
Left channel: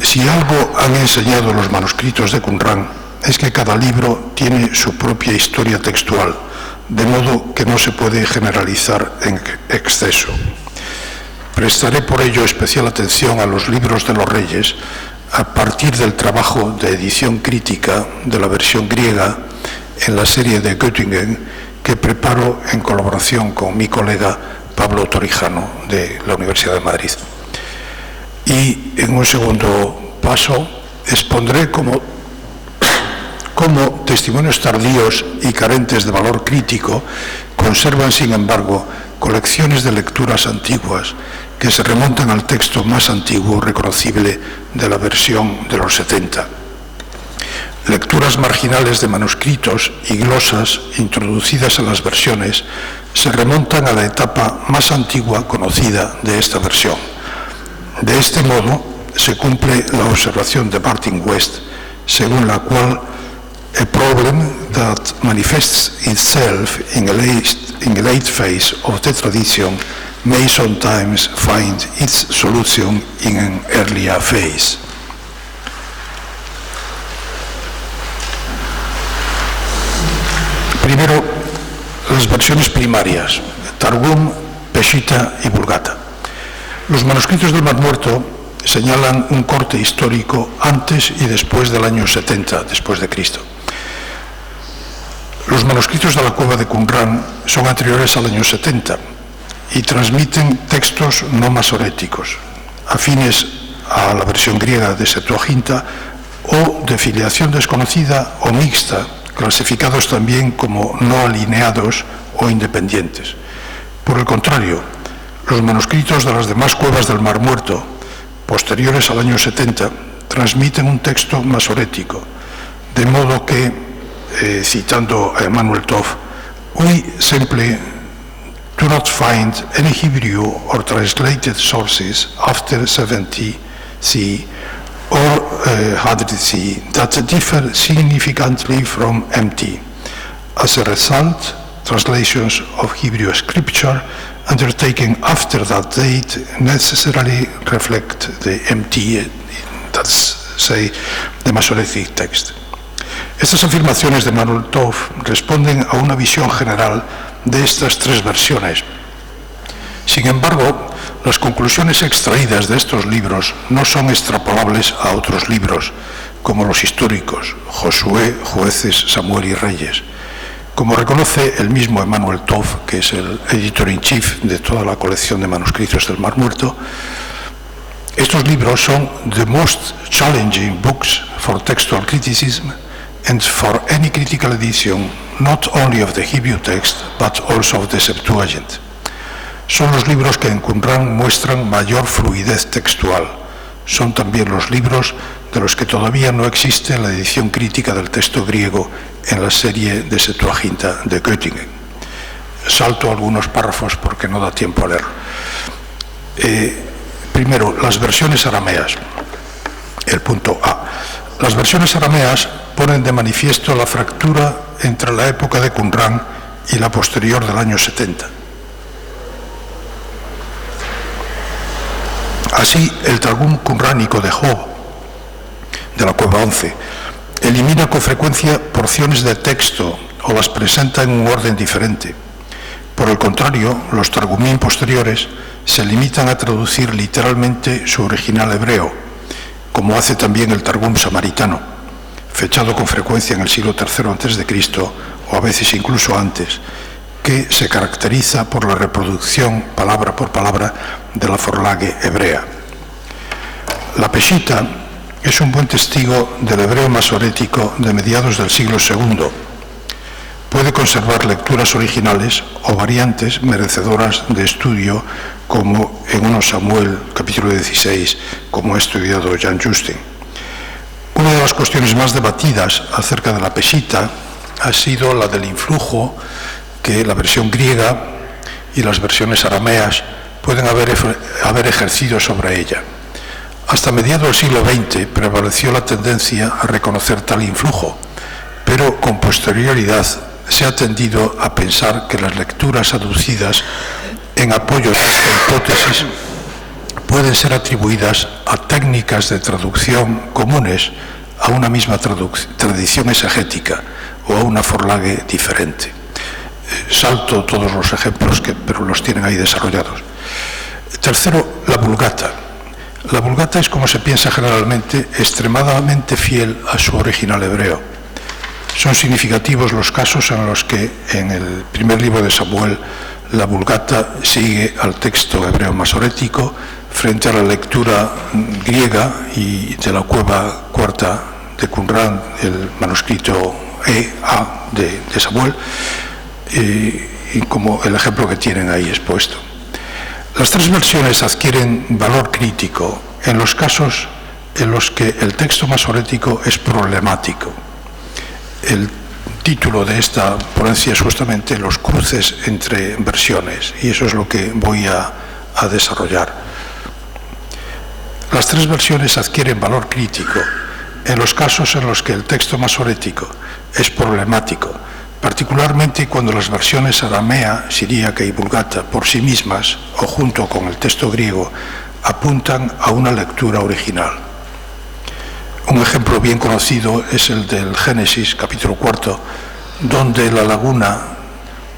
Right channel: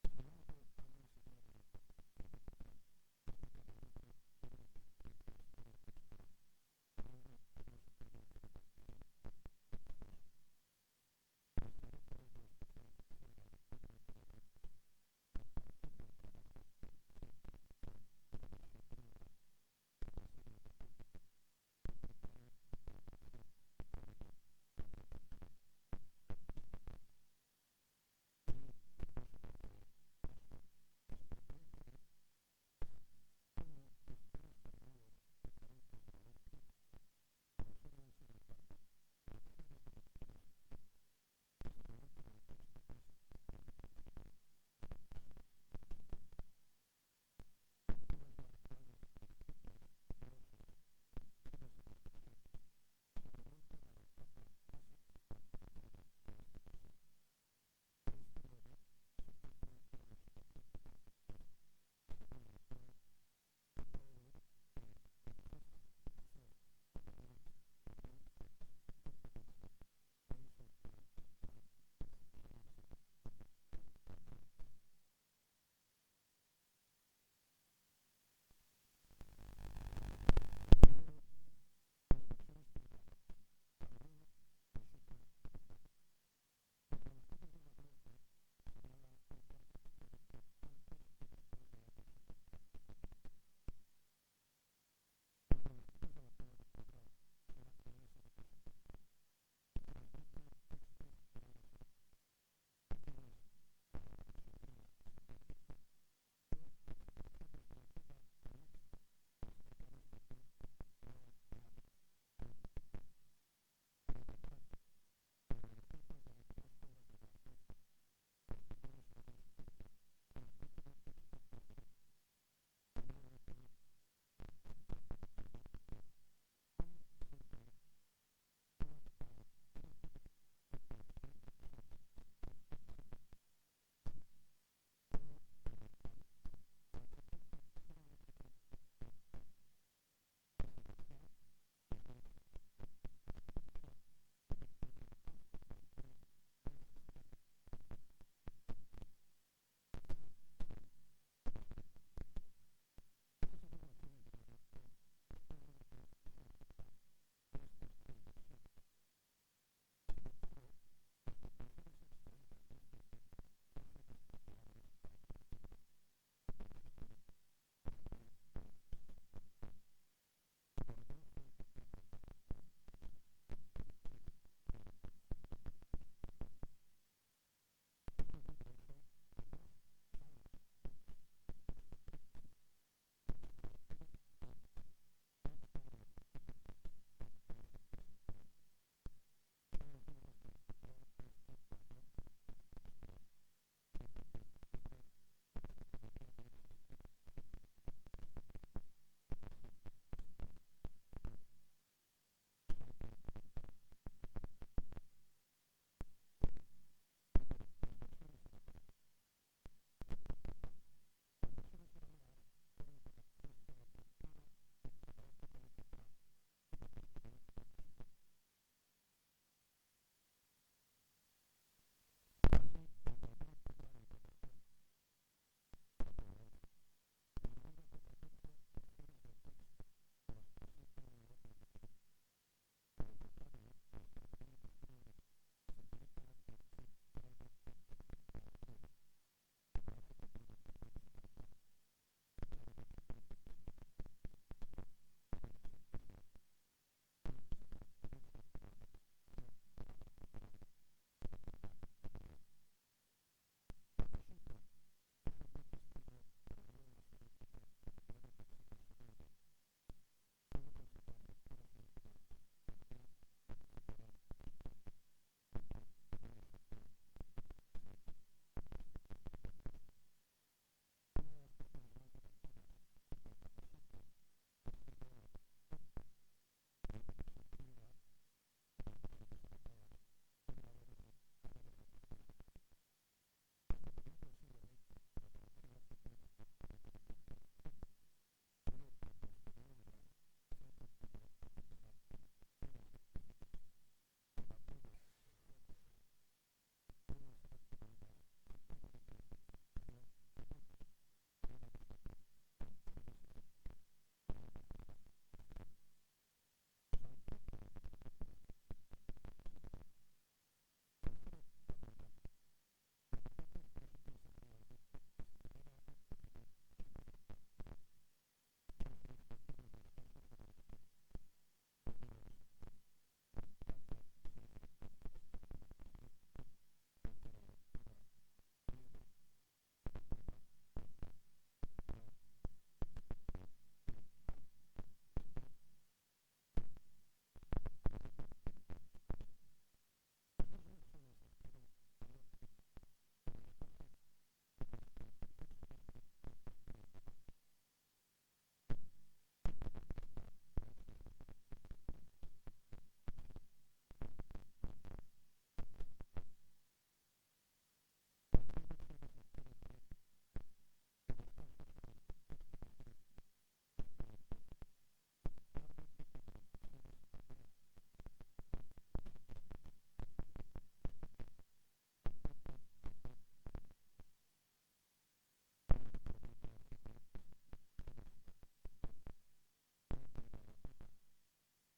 Si algo han enseñado los manuscritos de Qumran es que cada libro tiene su propia historia textual, de modo que no se puede generalizar en exceso. Prestaré por ello especial atención a los libros de los reyes a partir del trabajo de edición crítica de la versión griega en la serie de Göttingen que preparo en colaboración con mi colega Pablo Torijano de la Universidad de Madrid. Y en un segundo paso expondré como cómo testimonios tardíos y carentes de valor crítico conservan, sin embargo, colecciones de lecturas antiguas que se remontan al texto más antiguo reconocible de la versión de los 70. Lecturas marginales de manuscritos y glosas introducidas en las versiones se remontan a la etapa más antigua conocida de esta versión. De este modo, se cumple la observación de Martin West, según la cual a problem that manifests itself in a late phase of the tradition may sometimes find its solution in an earlier phase. Primero, las versiones primarias, Targum, Peshitta y Vulgata. Los manuscritos del Mar Muerto señalan un corte histórico antes y después del año 70 después de Cristo. Los manuscritos de la cueva de Qumran son anteriores al año 70 y transmiten textos no masoréticos, afines a la versión griega de Septuaginta o de filiación desconocida o mixta, clasificados también como no alineados o independientes. Por el contrario, los manuscritos de las demás cuevas del Mar Muerto, posteriores al año 70, transmiten un texto masorético, de modo que, citando a Emanuel Tov, we simply do not find any Hebrew or translated sources after 70 CE or 100 CE that differ significantly from MT. As a result, translations of Hebrew scripture undertaken after that date necessarily reflect the MT, that's say, the Masoretic text. Estas afirmaciones de Emanuel Tov responden a una visión general de estas tres versiones. Sin embargo, las conclusiones extraídas de estos libros no son extrapolables a otros libros, como los históricos, Josué, Jueces, Samuel y Reyes. Como reconoce el mismo Emanuel Tov, que es el editor-in-chief de toda la colección de manuscritos del Mar Muerto, estos libros son the most challenging books for textual criticism and for any critical edition, not only of the Hebrew text, but also of the Septuagint. Son los libros que en Qumran muestran mayor fluidez textual. Son también los libros de los que todavía no existe la edición crítica del texto griego en la serie de Septuaginta de Göttingen. Salto algunos párrafos porque no da tiempo a leer. Primero, las versiones arameas. El punto A. Las versiones arameas ponen de manifiesto la fractura entre la época de Qumran y la posterior del año 70. Así, el Targum qumránico de Job, de la cueva 11, elimina con frecuencia porciones de texto o las presenta en un orden diferente. Por el contrario, los Targumim posteriores se limitan a traducir literalmente su original hebreo, como hace también el Targum samaritano, fechado con frecuencia en el siglo III a.C. o a veces incluso antes, que se caracteriza por la reproducción palabra por palabra de la Vorlage hebrea. La Peshitta es un buen testigo del hebreo masorético de mediados del siglo II. Puede conservar lecturas originales o variantes merecedoras de estudio, como en 1 Samuel, capítulo 16, como ha estudiado Jan Justin. Una de las cuestiones más debatidas acerca de la Peshitta ha sido la del influjo que la versión griega y las versiones arameas pueden haber ejercido sobre ella. Hasta mediados del siglo XX prevaleció la tendencia a reconocer tal influjo, pero con posterioridad se ha tendido a pensar que las lecturas aducidas en apoyo a esta hipótesis pueden ser atribuidas a técnicas de traducción comunes a una misma tradición exegética o a una Vorlage diferente. Salto todos los ejemplos, pero los tienen ahí desarrollados. Tercero, la Vulgata. La Vulgata es, como se piensa generalmente, extremadamente fiel a su original hebreo. Son significativos los casos en los que en el primer libro de Samuel la Vulgata sigue al texto hebreo masorético frente a la lectura griega y de la cueva cuarta de Qumran, el manuscrito E.A. de Samuel, y como el ejemplo que tienen ahí expuesto. Las tres versiones adquieren valor crítico en los casos en los que el texto masorético es problemático. El título de esta ponencia es justamente los cruces entre versiones, y eso es lo que voy a desarrollar. Las tres versiones adquieren valor crítico en los casos en los que el texto masorético es problemático, particularmente cuando las versiones aramea, siríaca y vulgata por sí mismas o junto con el texto griego apuntan a una lectura original. Un ejemplo bien conocido es el del Génesis, capítulo 4, donde la laguna,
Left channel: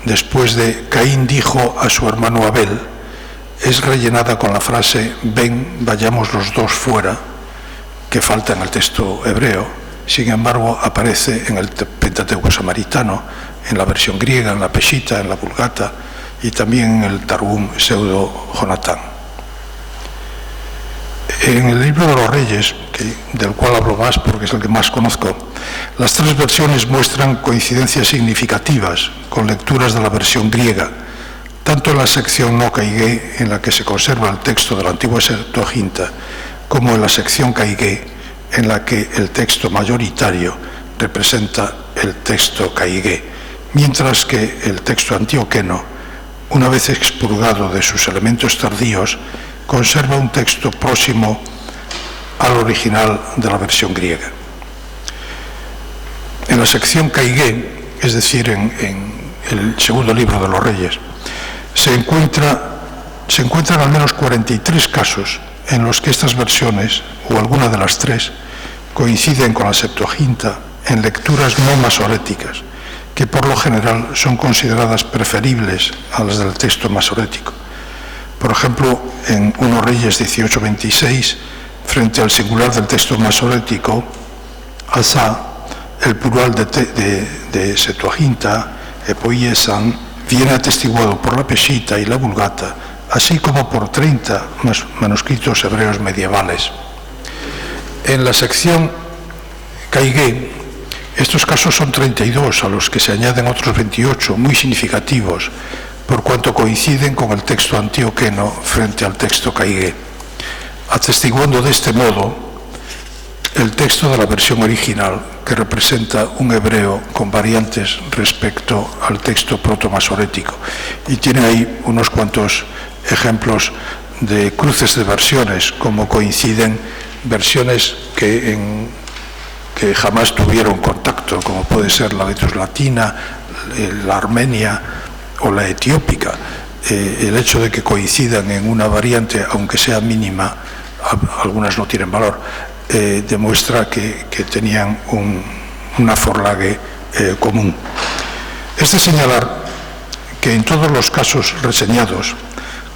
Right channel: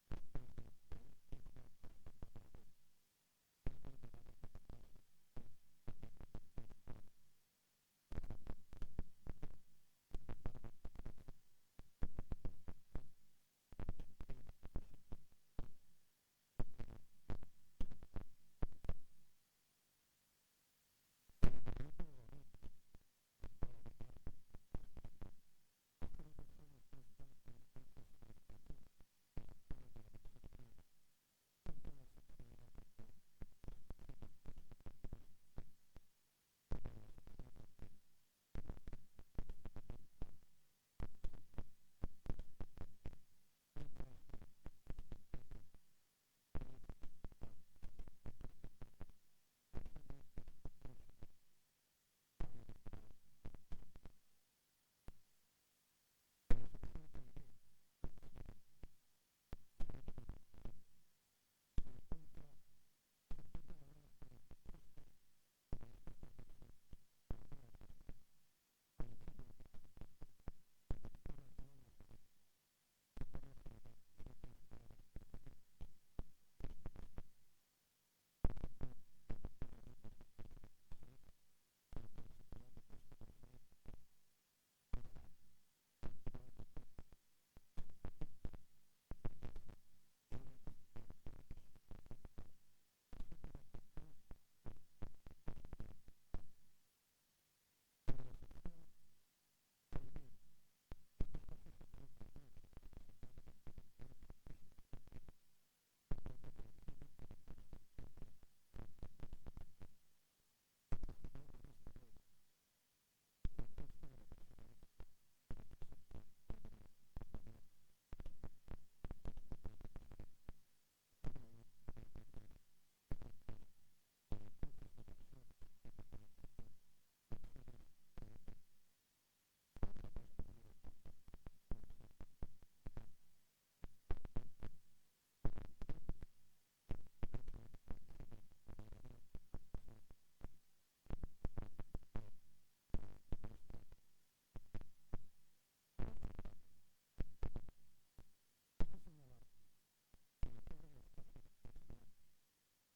después de Caín dijo a su hermano Abel, es rellenada con la frase «ven, vayamos los dos fuera», que falta en el texto hebreo. Sin embargo, aparece en el Pentateuco samaritano, en la versión griega, en la Peshitta, en la Vulgata y también en el Targum Pseudo-Jonatán. En el libro de los Reyes, del cual hablo más porque es el que más conozco, las tres versiones muestran coincidencias significativas con lecturas de la versión griega, tanto en la sección no caigué, en la que se conserva el texto de la antigua Septuaginta, como en la sección caigué, en la que el texto mayoritario representa el texto caigué, mientras que el texto antioqueno, una vez expurgado de sus elementos tardíos, conserva un texto próximo al original de la versión griega. En la sección caigué, es decir, en el segundo libro de los Reyes, se encuentran al menos 43 casos en los que estas versiones, o alguna de las tres, coinciden con la Septuaginta en lecturas no masoréticas, que por lo general son consideradas preferibles a las del texto masorético. Por ejemplo, en 1 Reyes 18:26, frente al singular del texto masorético, Asa, el plural de Septuaginta, epoiesan, viene atestiguado por la Peshitta y la Vulgata, así como por 30 manuscritos hebreos medievales. En la sección caigué, estos casos son 32, a los que se añaden otros 28, muy significativos, por cuanto coinciden con el texto antioqueno frente al texto caigué, atestiguando de este modo el texto de la versión original, que representa un hebreo con variantes respecto al texto protomasorético. Y tiene ahí unos cuantos ejemplos de cruces de versiones, como coinciden versiones que jamás tuvieron contacto, como puede ser la Vetus Latina, la Armenia o la Etiópica. El hecho de que coincidan en una variante, aunque sea mínima, algunas no tienen valor, demuestra que tenían una forlague común. Es de señalar que en todos los casos reseñados,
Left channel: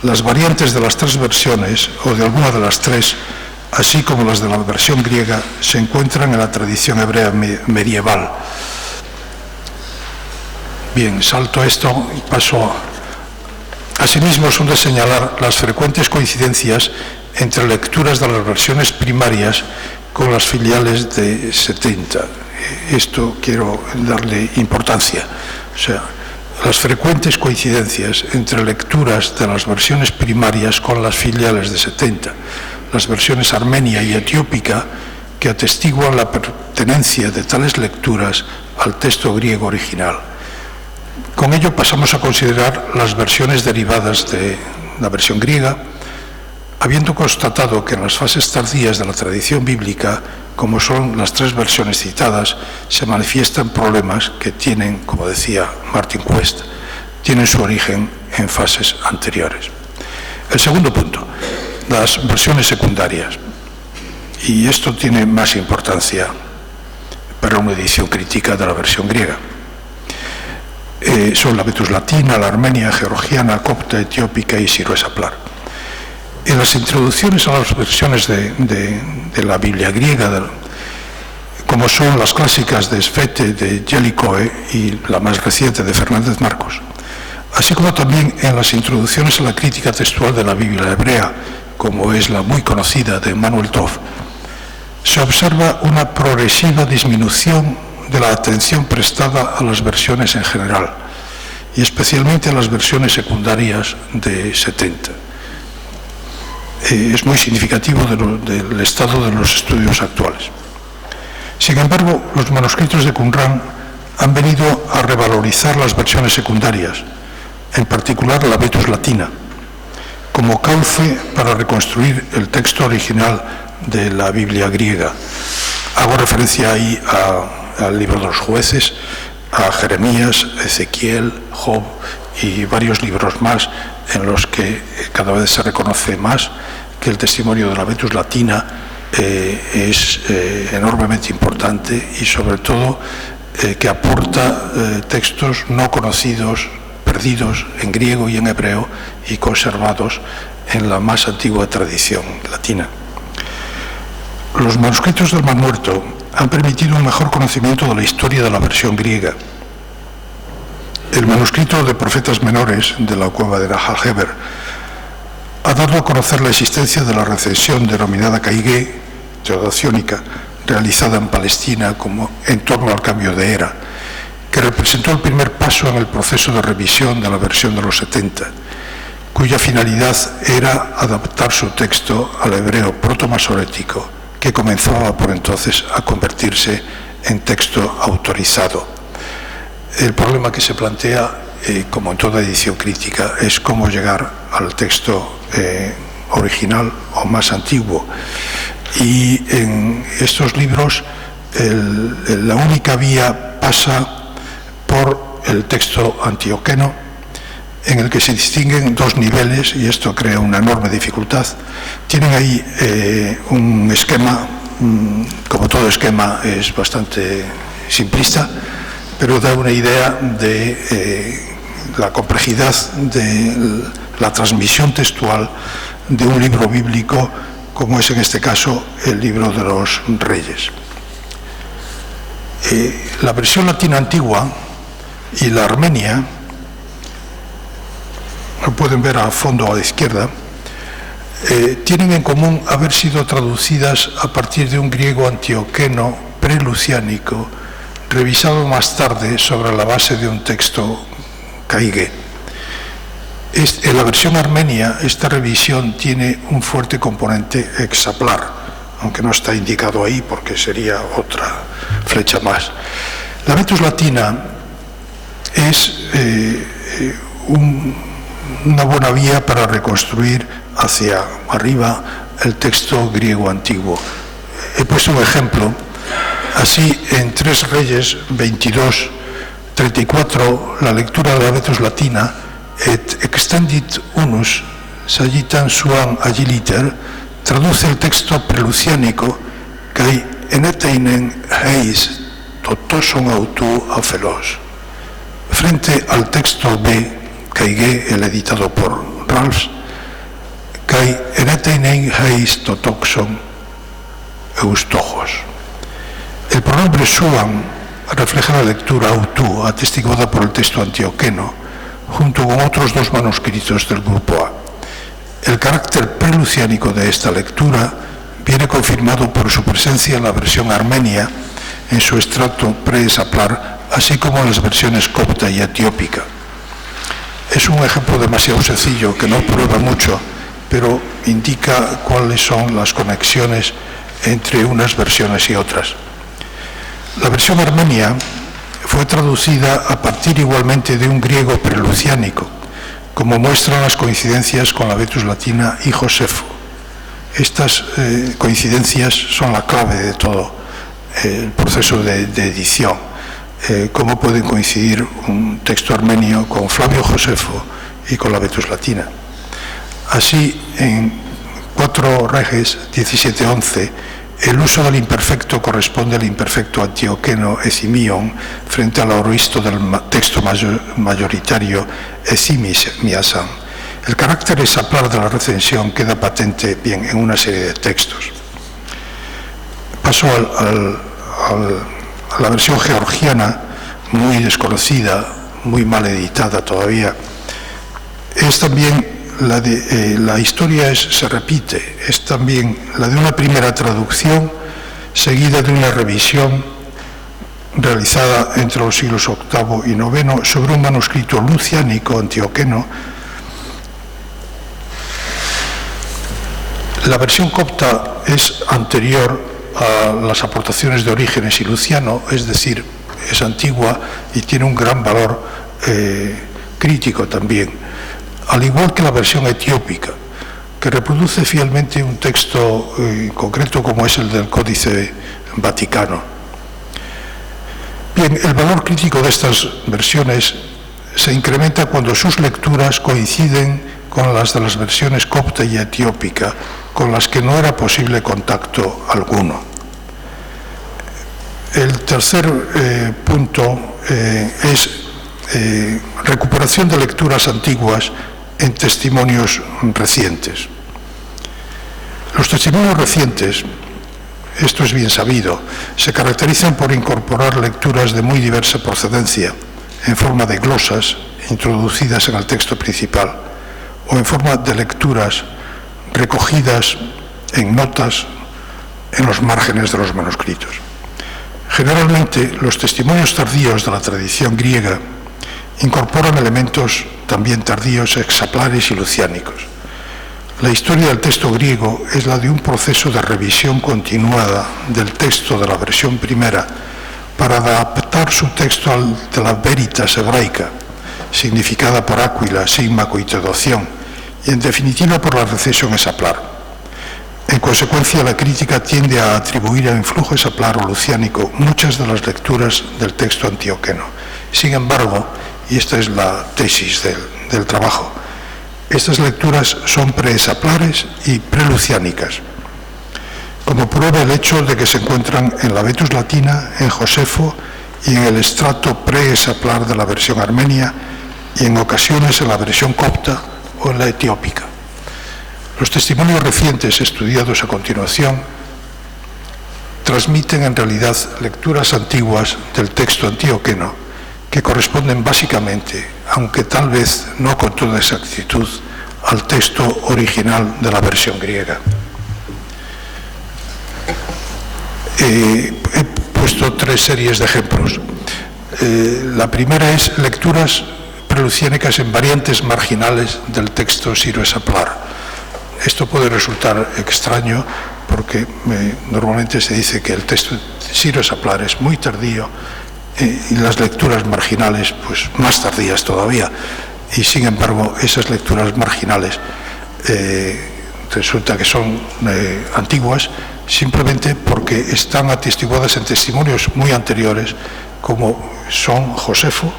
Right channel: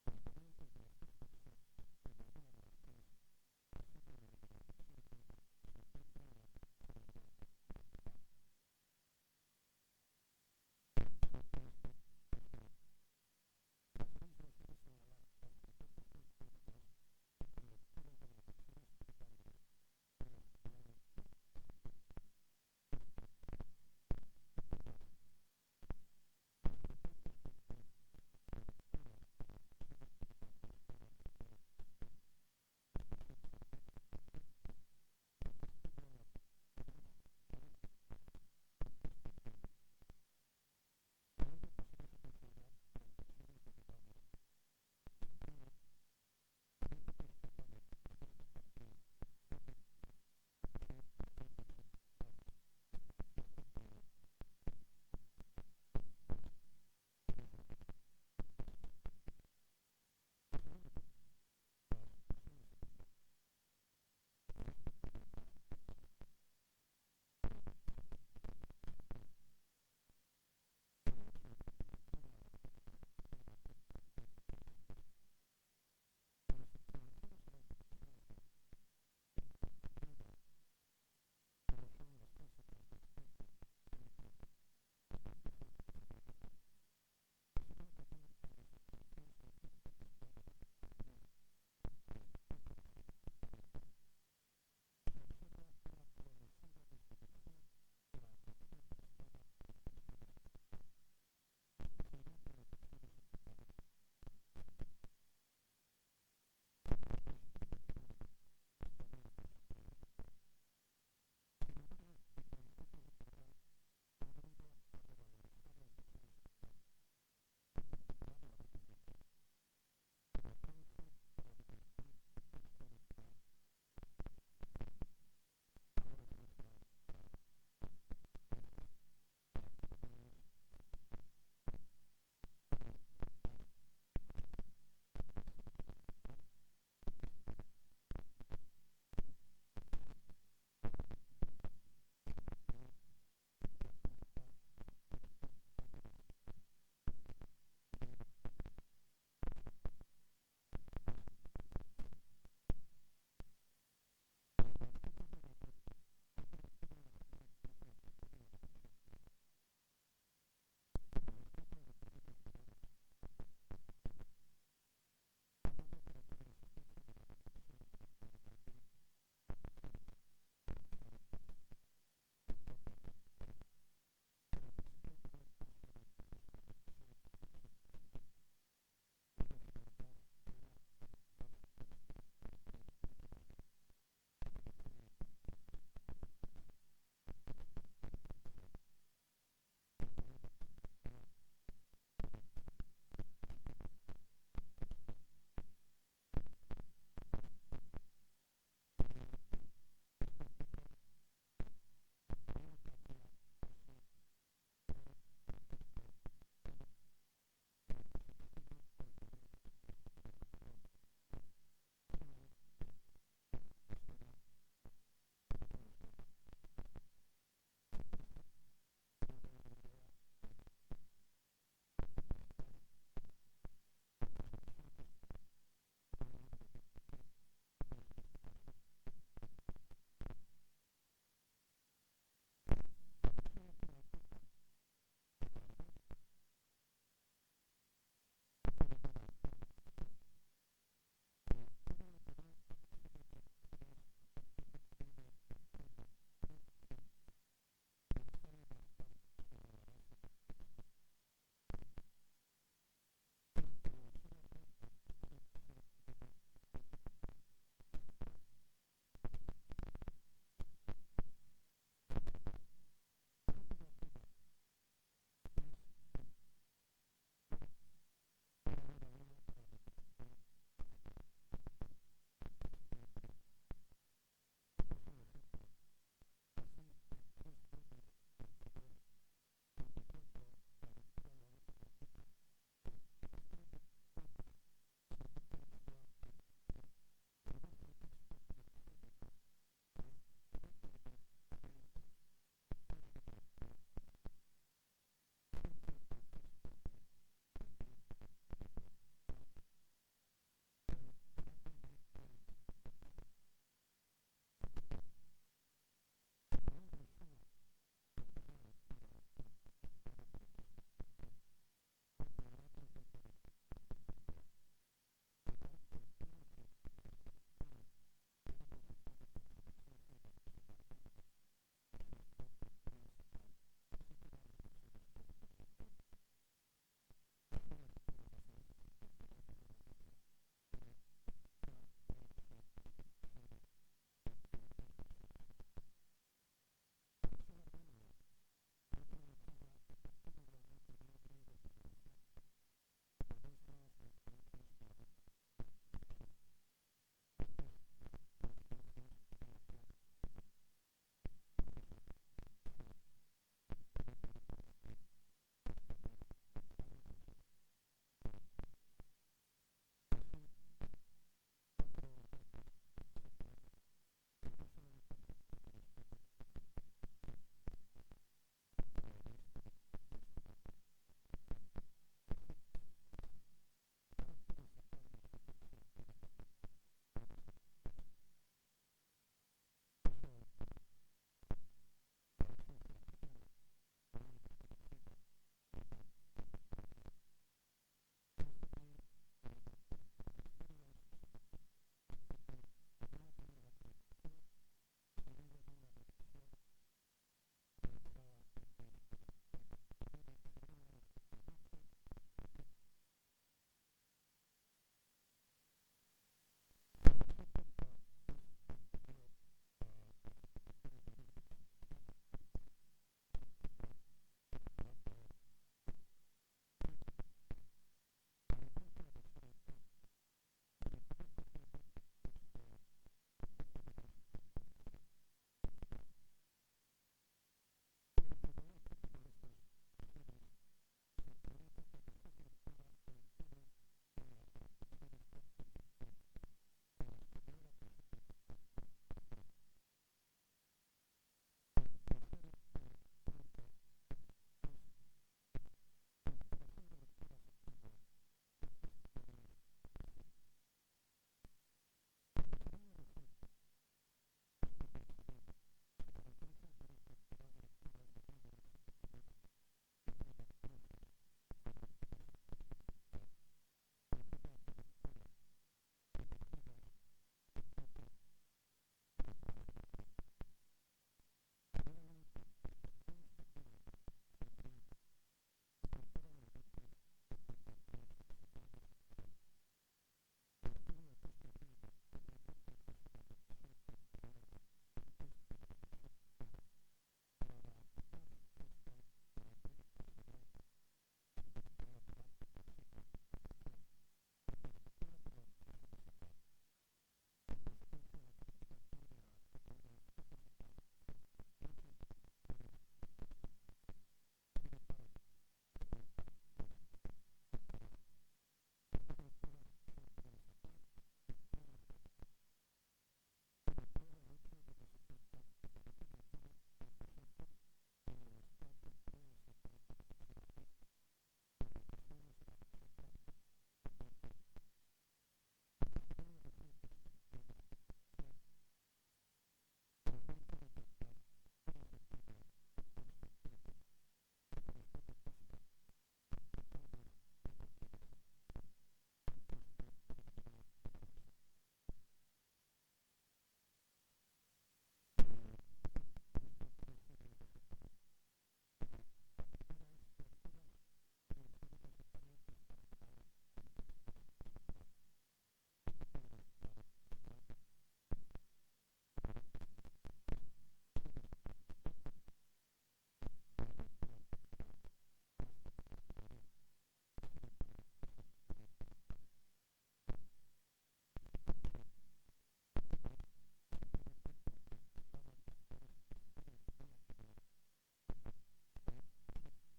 las variantes de las tres versiones, o de alguna de las tres, así como las de la versión griega, se encuentran en la tradición hebrea medieval. Bien, salto esto y paso. Asimismo, son de señalar las frecuentes coincidencias entre lecturas de las versiones primarias con las filiales de 70. Esto quiero darle importancia. O sea, las frecuentes coincidencias entre lecturas de las versiones primarias con las filiales de 70, las versiones armenia y etiópica, que atestiguan la pertenencia de tales lecturas al texto griego original. Con ello pasamos a considerar las versiones derivadas de la versión griega, habiendo constatado que en las fases tardías de la tradición bíblica, como son las tres versiones citadas, se manifiestan problemas que tienen, como decía Martin Quest, tienen su origen en fases anteriores. El segundo punto, las versiones secundarias. Y esto tiene más importancia para una edición crítica de la versión griega. Son la Vetus Latina, la Armenia, georgiana, copta, etiópica y siroesaplar. En las introducciones a las versiones de la Biblia griega, como son las clásicas de Svete, de Jellicoe y la más reciente de Fernández Marcos, así como también en las introducciones a la crítica textual de la Biblia hebrea, como es la muy conocida de Manuel Toff, se observa una progresiva disminución de la atención prestada a las versiones en general, y especialmente a las versiones secundarias de 70. Es muy significativo del estado de los estudios actuales. Sin embargo, los manuscritos de Qumran han venido a revalorizar las versiones secundarias, en particular la Vetus Latina, como cauce para reconstruir el texto original de la Biblia griega. Hago referencia ahí al libro de los jueces, a Jeremías, Ezequiel, Job y varios libros más en los que cada vez se reconoce más que el testimonio de la Vetus Latina es enormemente importante y sobre todo que aporta textos no conocidos, perdidos en griego y en hebreo y conservados en la más antigua tradición latina. Los manuscritos del Mar Muerto han permitido un mejor conocimiento de la historia de la versión griega. El manuscrito de Profetas Menores de la cueva de Nahal Heber ha dado a conocer la existencia de la recensión denominada Caigué, teodaciónica, realizada en Palestina como en torno al cambio de era, que representó el primer paso en el proceso de revisión de la versión de los 70, cuya finalidad era adaptar su texto al hebreo protomasorético, que comenzaba por entonces a convertirse en texto autorizado. El problema que se plantea, como en toda edición crítica, es cómo llegar al texto original o más antiguo. Y en estos libros la única vía pasa por el texto antioqueno, en el que se distinguen dos niveles, y esto crea una enorme dificultad. Tienen ahí un esquema, como todo esquema es bastante simplista, pero da una idea de la complejidad de la transmisión textual de un libro bíblico, como es en este caso el libro de los Reyes. La versión latina antigua y la armenia, lo pueden ver a fondo a la izquierda, tienen en común haber sido traducidas a partir de un griego antioqueno preluciánico, revisado más tarde sobre la base de un texto caigué. En la versión armenia, esta revisión tiene un fuerte componente hexaplar, aunque no está indicado ahí porque sería otra flecha más. La Vetus Latina es una buena vía para reconstruir hacia arriba el texto griego antiguo. He puesto un ejemplo. Así, en 3 Reyes 22, 34, la lectura de la Vetus Latina, et extendit unus sagitan suam agiliter, traduce el texto preluciánico kai eneteinen heis totoson autu afelos. Frente al texto B, Caigué, el editado por Ralphs, kai eneteinen heis totoxon eustojos. El pronombre suam refleja la lectura autu, atestiguada por el texto antioqueno, junto con otros 2 manuscritos del grupo A. El carácter preluciánico de esta lectura viene confirmado por su presencia en la versión armenia, en su extracto pre-hexaplar, así como en las versiones copta y etiópica. Es un ejemplo demasiado sencillo que no prueba mucho, pero indica cuáles son las conexiones entre unas versiones y otras. La versión armenia fue traducida a partir igualmente de un griego preluciánico, como muestran las coincidencias con la Vetus Latina y Josefo. Estas coincidencias son la clave de todo el proceso de edición. Cómo pueden coincidir un texto armenio con Flavio Josefo y con la Vetus Latina. Así, en 4 Reges 17:11, el uso del imperfecto corresponde al imperfecto antioqueno esimion frente al aoristo del texto mayoritario esimis miasan. El carácter hexaplar de la recensión queda patente bien en una serie de textos. Paso a la versión georgiana, muy desconocida, muy mal editada todavía. Es también la historia se repite, es también la de una primera traducción seguida de una revisión realizada entre los siglos VIII y IX sobre un manuscrito luciánico antioqueno. La versión copta es anterior a las aportaciones de Orígenes y Luciano, es decir, es antigua y tiene un gran valor crítico también, al igual que la versión etiópica, que reproduce fielmente un texto concreto como es el del Códice Vaticano. Bien, el valor crítico de estas versiones se incrementa cuando sus lecturas coinciden con las de las versiones copta y etiópica, con las que no era posible contacto alguno. El tercer punto es recuperación de lecturas antiguas en testimonios recientes. Los testimonios recientes, esto es bien sabido, se caracterizan por incorporar lecturas de muy diversa procedencia, en forma de glosas introducidas en el texto principal, o en forma de lecturas recogidas en notas en los márgenes de los manuscritos. Generalmente, los testimonios tardíos de la tradición griega incorporan elementos también tardíos exaplares y luciánicos. La historia del texto griego es la de un proceso de revisión continuada del texto de la versión primera para adaptar su texto al de la veritas hebraica, significada por Áquila, Símaco y Teodoción, y en definitiva por la recesión esaplar. En consecuencia, la crítica tiende a atribuir al influjo esaplar o luciánico muchas de las lecturas del texto antioqueno. Sin embargo, y esta es la tesis del trabajo, estas lecturas son preesaplares y preluciánicas, como prueba el hecho de que se encuentran en la Vetus Latina, en Josefo y en el estrato preesaplar de la versión armenia y en ocasiones en la versión copta o en la etiópica. Los testimonios recientes estudiados a continuación transmiten en realidad lecturas antiguas del texto antioqueno que corresponden básicamente, aunque tal vez no con toda exactitud, al texto original de la versión griega. He puesto 3 series de ejemplos. La primera es lecturas preluciánicas en variantes marginales del texto siro-esaplar. Esto puede resultar extraño porque normalmente se dice que el texto siro-esaplar es muy tardío y las lecturas marginales pues más tardías todavía, y sin embargo esas lecturas marginales resulta que son antiguas simplemente porque están atestiguadas en testimonios muy anteriores como son Josefo,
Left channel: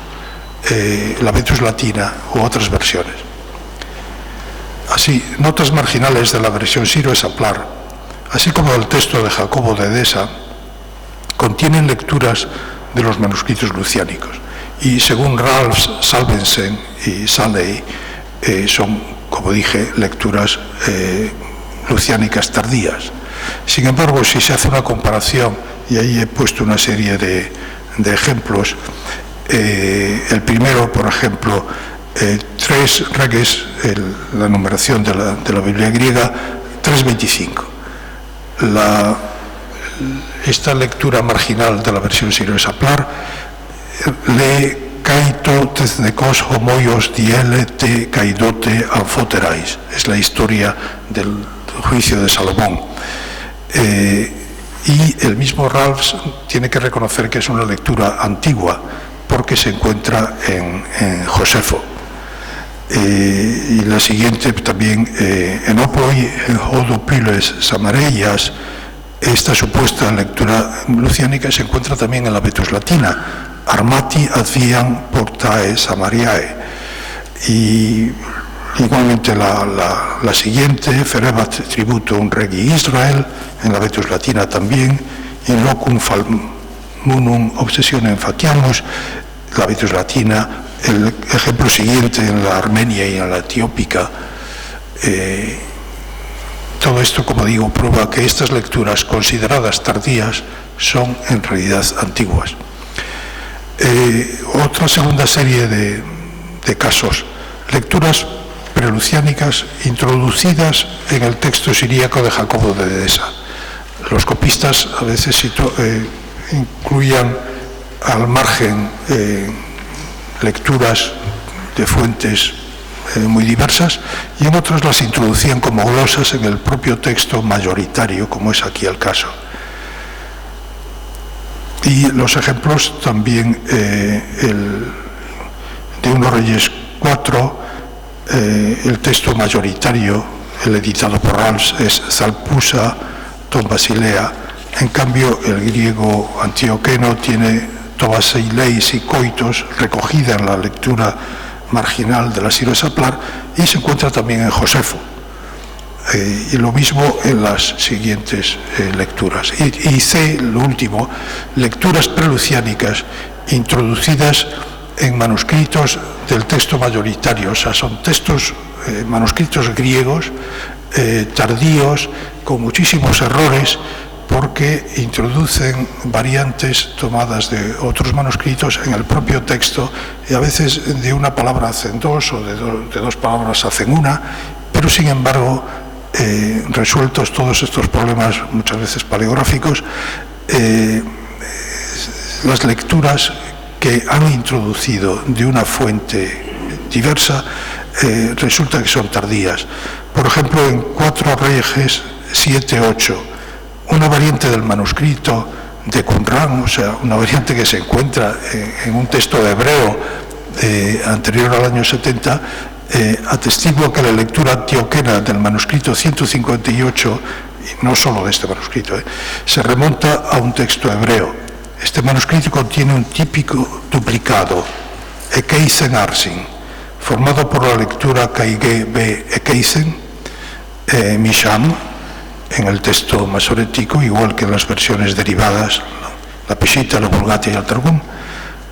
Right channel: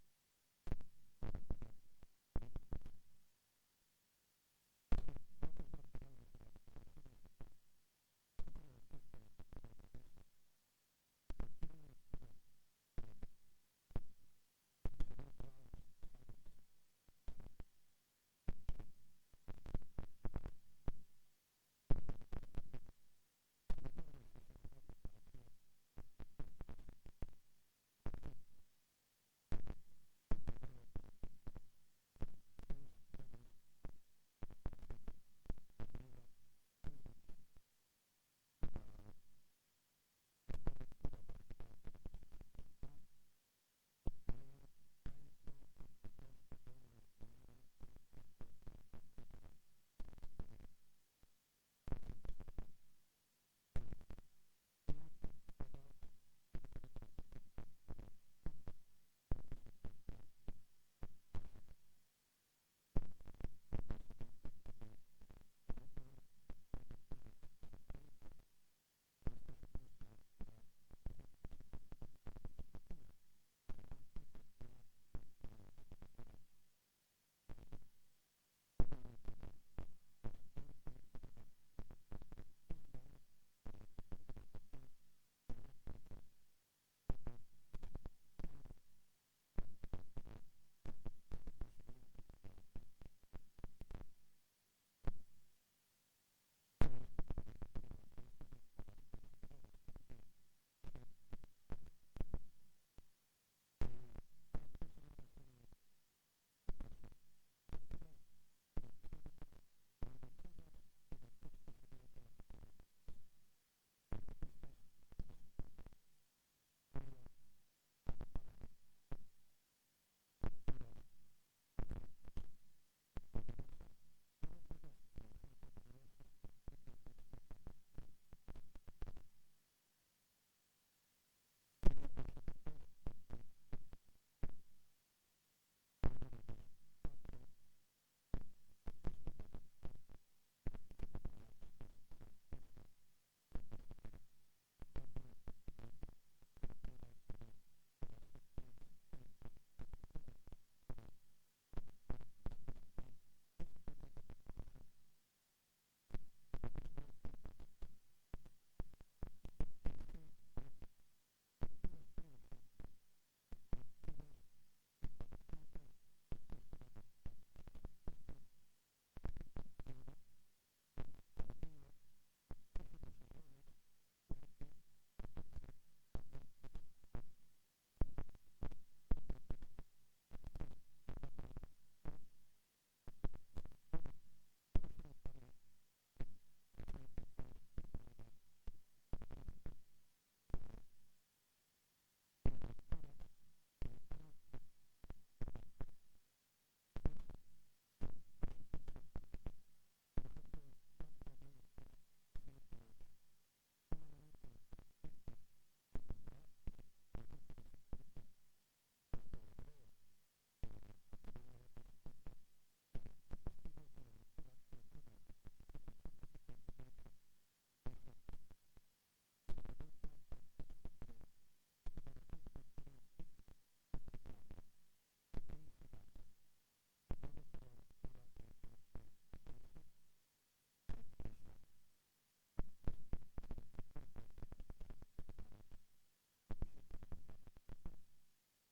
la Vetus Latina u otras versiones. Así, notas marginales de la versión siro-esaplar, así como el texto de Jacobo de Edesa, contienen lecturas de los manuscritos luciánicos y según Ralph Salvensen y Salley son, como dije, lecturas luciánicas tardías. Sin embargo, si se hace una comparación, y ahí he puesto una serie de ejemplos, el primero, por ejemplo, 3 reges, la numeración de la Biblia griega, 3.25. Esta lectura marginal de la versión siro-esaplar lee kaito teznikos homoios diele te kaidote amfoterais. Es la historia del juicio de Salomón. Y el mismo Ralph tiene que reconocer que es una lectura antigua porque se encuentra en Josefo. Y la siguiente también, en Opoi, en Hodopiles Samareias, esta supuesta lectura luciánica se encuentra también en la Vetus Latina, Armati advian portae Samariae. Y igualmente la siguiente, Ferebat tributum regi Israel, en la Vetus Latina también, in locum falmunum obsessionem fatiamus, la Vetus Latina. El ejemplo siguiente en la armenia y en la etiópica. Todo esto, como digo, prueba que estas lecturas consideradas tardías son en realidad antiguas. Otra segunda serie de casos, lecturas preluciánicas introducidas en el texto siríaco de Jacobo de Edesa. Los copistas a veces incluían al margen lecturas de fuentes muy diversas y en otras las introducían como glosas en el propio texto mayoritario, como es aquí el caso. Y los ejemplos también, de 1 Reyes 4, el texto mayoritario, el editado por Rals, es Zalpusa ton Basilea. En cambio, el griego antioqueno tiene Tobasileis y Coitos, recogida en la lectura marginal de la Siro Saplar, y se encuentra también en Josefo. Y lo mismo en las siguientes lecturas. Y C, lo último, lecturas preluciánicas introducidas en manuscritos del texto mayoritario, o sea, son textos, manuscritos griegos, tardíos, con muchísimos errores, porque introducen variantes tomadas de otros manuscritos en el propio texto, y a veces de una palabra hacen dos, o de dos palabras hacen una, pero sin embargo, resueltos todos estos problemas, muchas veces paleográficos, las lecturas que han introducido de una fuente diversa resulta que son tardías. Por ejemplo, en 4 Reyes 7-8, una variante del manuscrito de Qumran, o sea, una variante que se encuentra en un texto de hebreo anterior al año 70, atestigua que la lectura antioquena del manuscrito 158, y no solo de este manuscrito, se remonta a un texto hebreo. Este manuscrito contiene un típico duplicado, Ekeisen Arsin, formado por la lectura Kaige B. Ekeisen, Misham, en el texto masorético, igual que en las versiones derivadas, la Peshitta, la Vulgata y el Targum,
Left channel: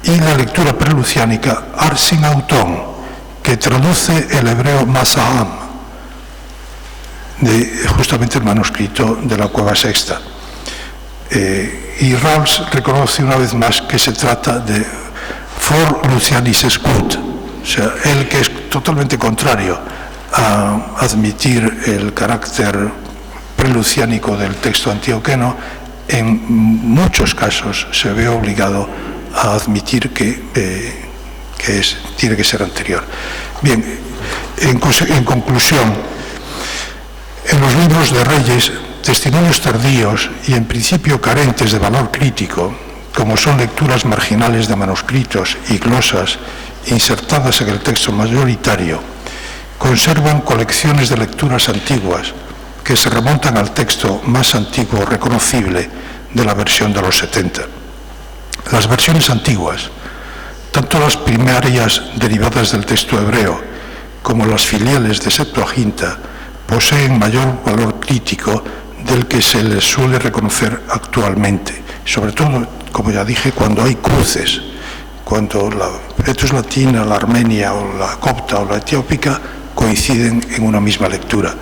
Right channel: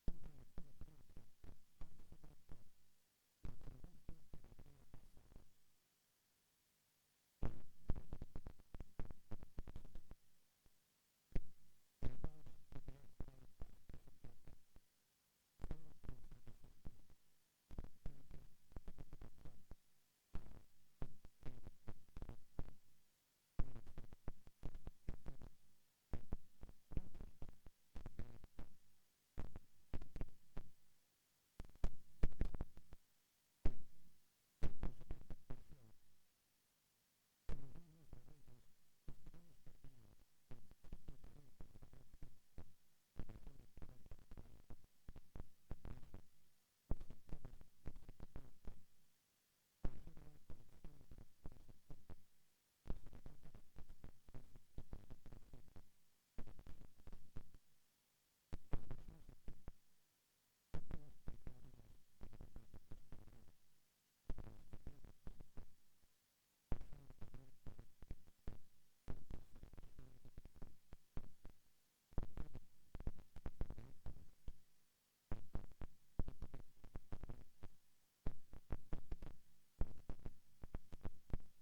y la lectura preluciánica Arsin Autón, que traduce el hebreo Masaham, de justamente el manuscrito de la Cueva Sexta. Y Rals reconoce una vez más que se trata de For Lucianis Escut, o sea, él que es totalmente contrario a admitir el carácter preluciánico del texto antioqueno, en muchos casos se ve obligado a admitir que tiene que ser anterior. Bien, en conclusión, en los libros de Reyes, testimonios tardíos y en principio carentes de valor crítico, como son lecturas marginales de manuscritos y glosas insertadas en el texto mayoritario, conservan colecciones de lecturas antiguas que se remontan al texto más antiguo reconocible de la versión de los 70. Las versiones antiguas, tanto las primarias derivadas del texto hebreo como las filiales de Septuaginta, poseen mayor valor crítico del que se les suele reconocer actualmente, sobre todo, como ya dije, cuando hay cruces, cuando la Petrus latina, la armenia o la copta o la etiópica coinciden en una misma lectura.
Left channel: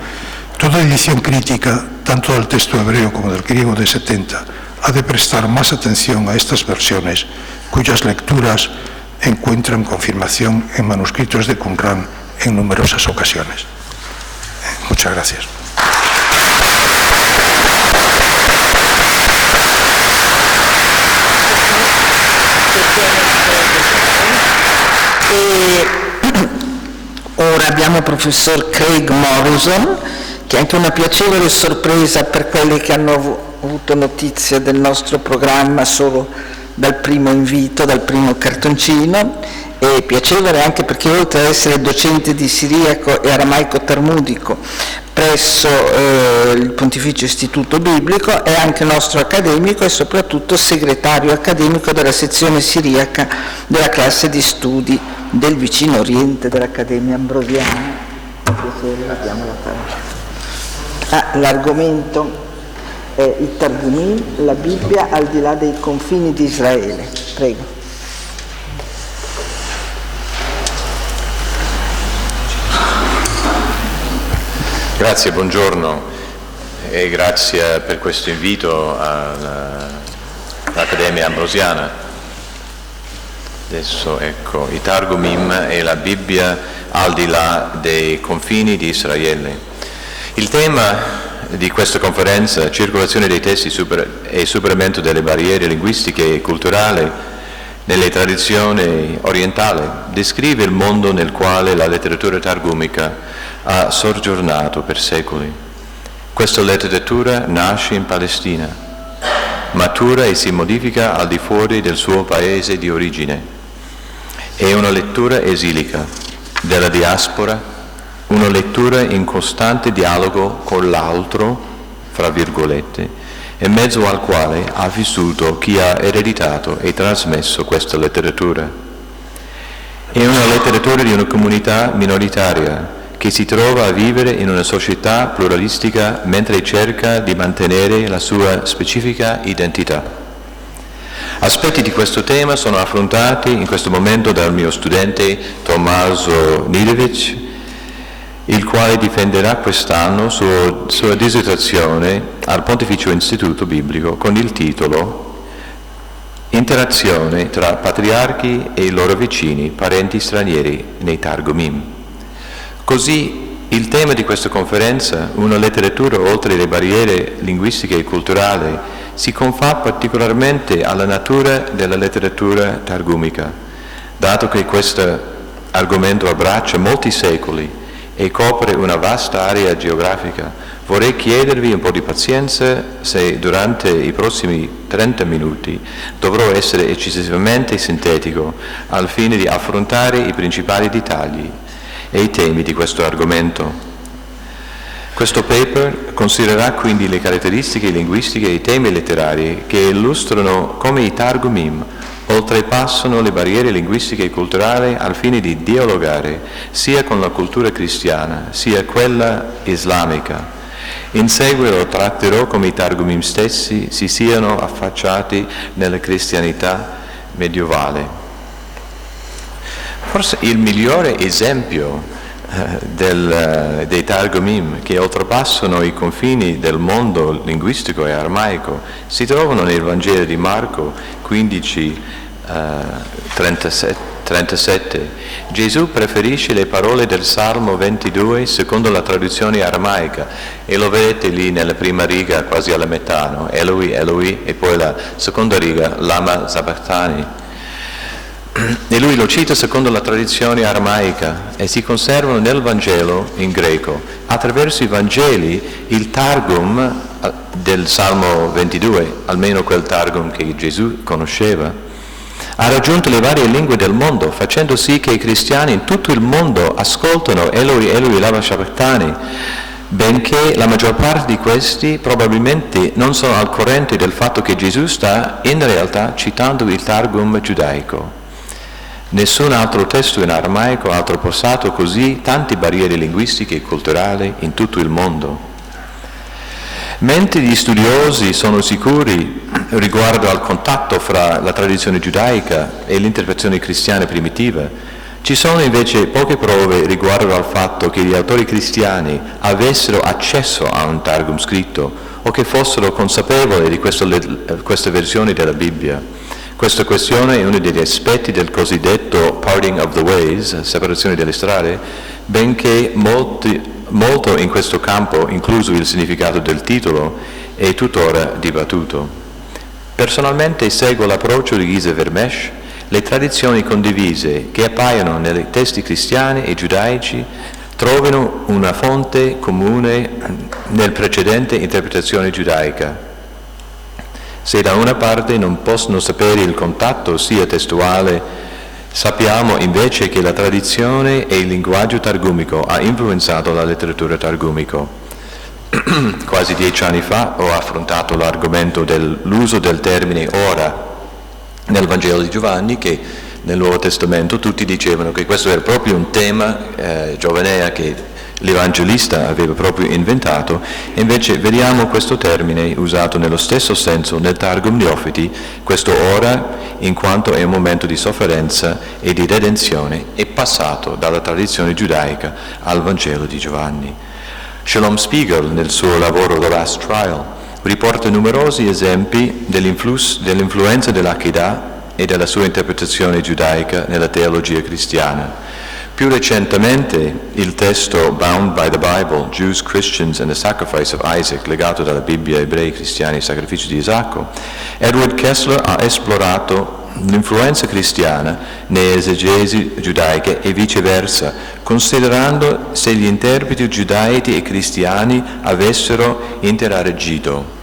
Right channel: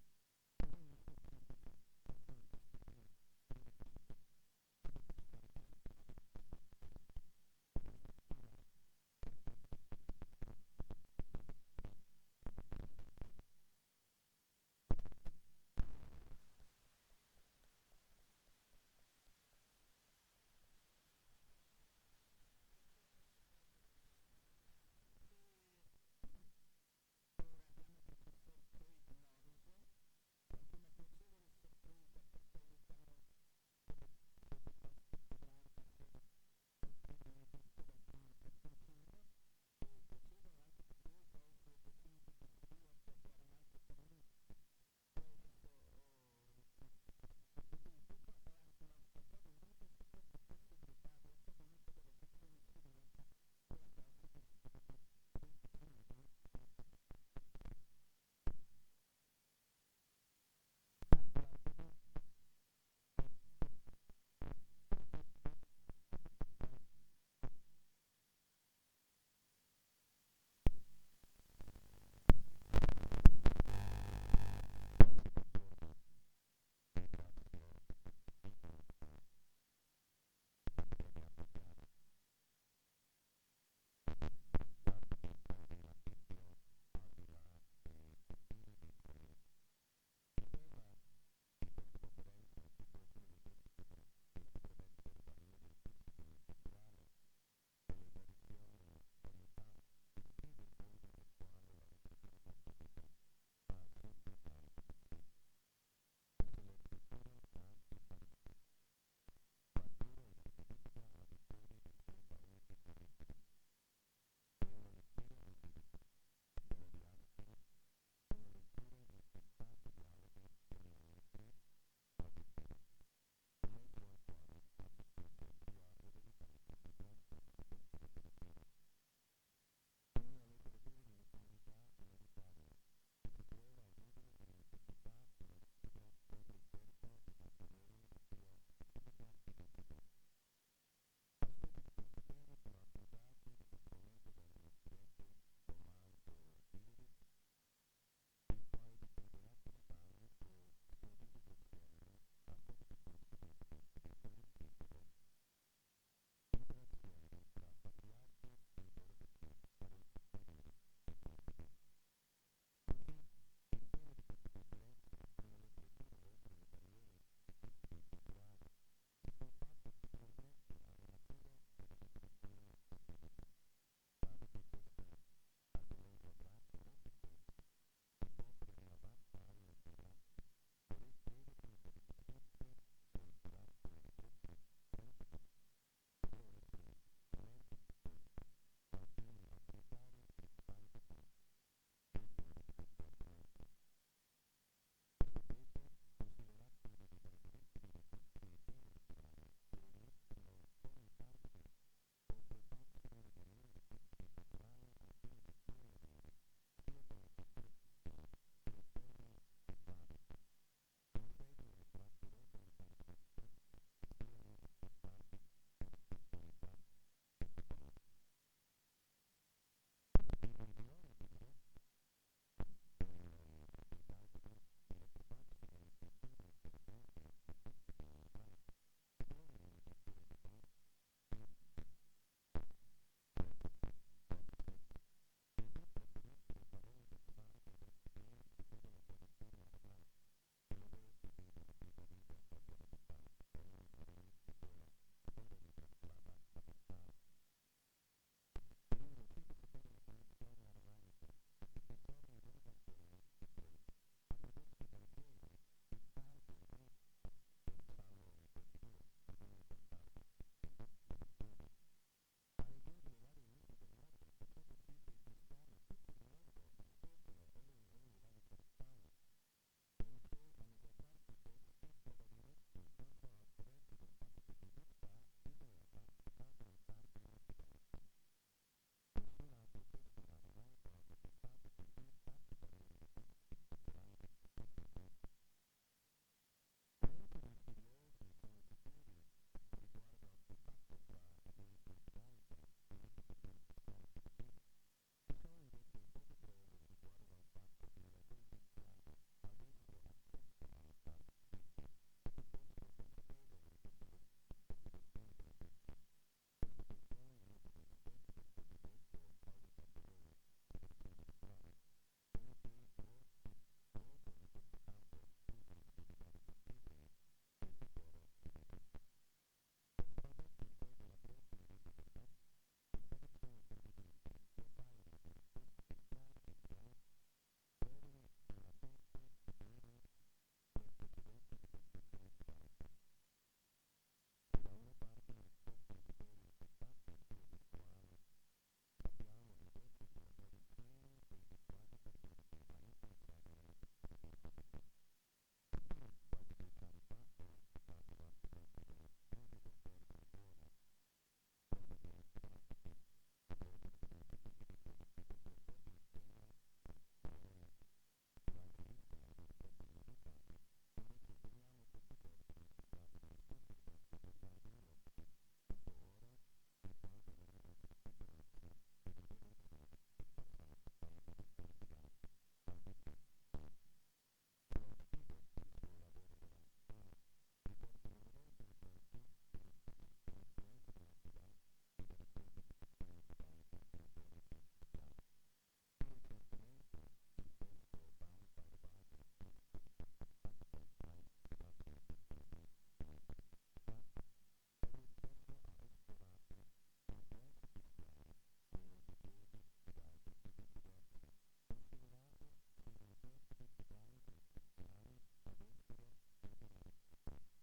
Toda edición crítica, tanto del texto hebreo como del griego de 70, ha de prestar más atención a estas versiones, cuyas lecturas encuentran confirmación en manuscritos de Qumran en numerosas ocasiones. Muchas gracias. Ora abbiamo il professor Craig Morrison, che è anche una piacevole sorpresa per quelli che hanno avuto notizia del nostro programma solo dal primo invito, dal primo cartoncino, e piacevole anche perché oltre ad essere docente di siriaco e aramaico talmudico presso il Pontificio Istituto Biblico, è anche nostro accademico e soprattutto segretario accademico della sezione siriaca della classe di studi del Vicino Oriente dell'Accademia Ambrosiana. L'argomento è il Targumim, la Bibbia al di là dei confini di Israele. Prego. Grazie, buongiorno e grazie per questo invito all'Accademia Ambrosiana. Adesso ecco, i Targumim e la Bibbia al di là dei confini di Israele. Il tema di questa conferenza, circolazione dei testi e superamento delle barriere linguistiche e culturali nelle tradizioni orientali, descrive il mondo nel quale la letteratura targumica ha soggiornato per secoli. Questa letteratura nasce in Palestina, matura e si modifica al di fuori del suo paese di origine. È una lettura esilica della diaspora, una lettura in costante dialogo con l'altro, fra virgolette, in mezzo al quale ha vissuto chi ha ereditato e trasmesso questa letteratura. È una letteratura di una comunità minoritaria che si trova a vivere in una società pluralistica mentre cerca di mantenere la sua specifica identità. Aspetti di questo tema sono affrontati in questo momento dal mio studente Tommaso Nidevic, il quale difenderà quest'anno sua dissertazione al Pontificio Istituto Biblico con il titolo Interazione tra patriarchi e i loro vicini, parenti stranieri nei Targumim. Così il tema di questa conferenza, una letteratura oltre le barriere linguistiche e culturali, si confà particolarmente alla natura della letteratura targumica, dato che questo argomento abbraccia molti secoli e copre una vasta area geografica. Vorrei chiedervi un po' di pazienza se durante i prossimi 30 minuti dovrò essere eccessivamente sintetico al fine di affrontare i principali dettagli e i temi di questo argomento. Questo paper considererà quindi le caratteristiche linguistiche e i temi letterari che illustrano come i Targumim oltrepassano le barriere linguistiche e culturali al fine di dialogare sia con la cultura cristiana sia quella islamica. In seguito tratterò come i Targumim stessi si siano affacciati nella cristianità medievale. Forse il migliore esempio dei Targumim che oltrepassano i confini del mondo linguistico e aramaico si trovano nel Vangelo di Marco 15:37. Gesù preferisce le parole del Salmo 22 secondo la traduzione aramaica e lo vedete lì nella prima riga quasi alla metà, no? Eloi, Eloi, e poi la seconda riga Lama Sabachthani. E lui lo cita secondo la tradizione aramaica e si conservano nel Vangelo in greco. Attraverso i Vangeli il Targum del Salmo 22, almeno quel Targum che Gesù conosceva, ha raggiunto le varie lingue del mondo, facendo sì che i cristiani in tutto il mondo ascoltano Eloi, Eloi, lama sabachthani, benché la maggior parte di questi probabilmente non sono al corrente del fatto che Gesù sta in realtà citando il Targum giudaico. Nessun altro testo in aramaico ha oltrepassato così tante barriere linguistiche e culturali in tutto il mondo. Mentre gli studiosi sono sicuri riguardo al contatto fra la tradizione giudaica e l'interpretazione cristiana primitiva, ci sono invece poche prove riguardo al fatto che gli autori cristiani avessero accesso a un Targum scritto o che fossero consapevoli di questa versione della Bibbia. Questa questione è uno degli aspetti del cosiddetto parting of the ways, separazione delle strade, benché molto in questo campo, incluso il significato del titolo, è tuttora dibattuto. Personalmente seguo l'approccio di Gise Vermesh. Le tradizioni condivise che appaiono nei testi cristiani e giudaici trovano una fonte comune nel precedente interpretazione giudaica. Se da una parte non possono sapere il contatto sia testuale, sappiamo invece che la tradizione e il linguaggio targumico ha influenzato la letteratura targumico. Quasi 10 anni fa ho affrontato l'argomento dell'uso del termine ora nel Vangelo di Giovanni, che nel Nuovo Testamento tutti dicevano che questo era proprio un tema giovanea che l'Evangelista aveva proprio inventato, e invece vediamo questo termine usato nello stesso senso nel Targum Neofiti, questo ora, in quanto è un momento di sofferenza e di redenzione, è passato dalla tradizione giudaica al Vangelo di Giovanni. Shalom Spiegel, nel suo lavoro The Last Trial, riporta numerosi esempi dell'influenza dell'Akedah e della sua interpretazione giudaica nella teologia cristiana. Più recentemente il testo Bound by the Bible, Jews, Christians and the Sacrifice of Isaac, legato dalla Bibbia, ebrei, cristiani e il sacrificio di Isacco, Edward Kessler ha esplorato l'influenza cristiana nelle esegesi giudaiche e viceversa, considerando se gli interpreti giudaici e cristiani avessero interagito.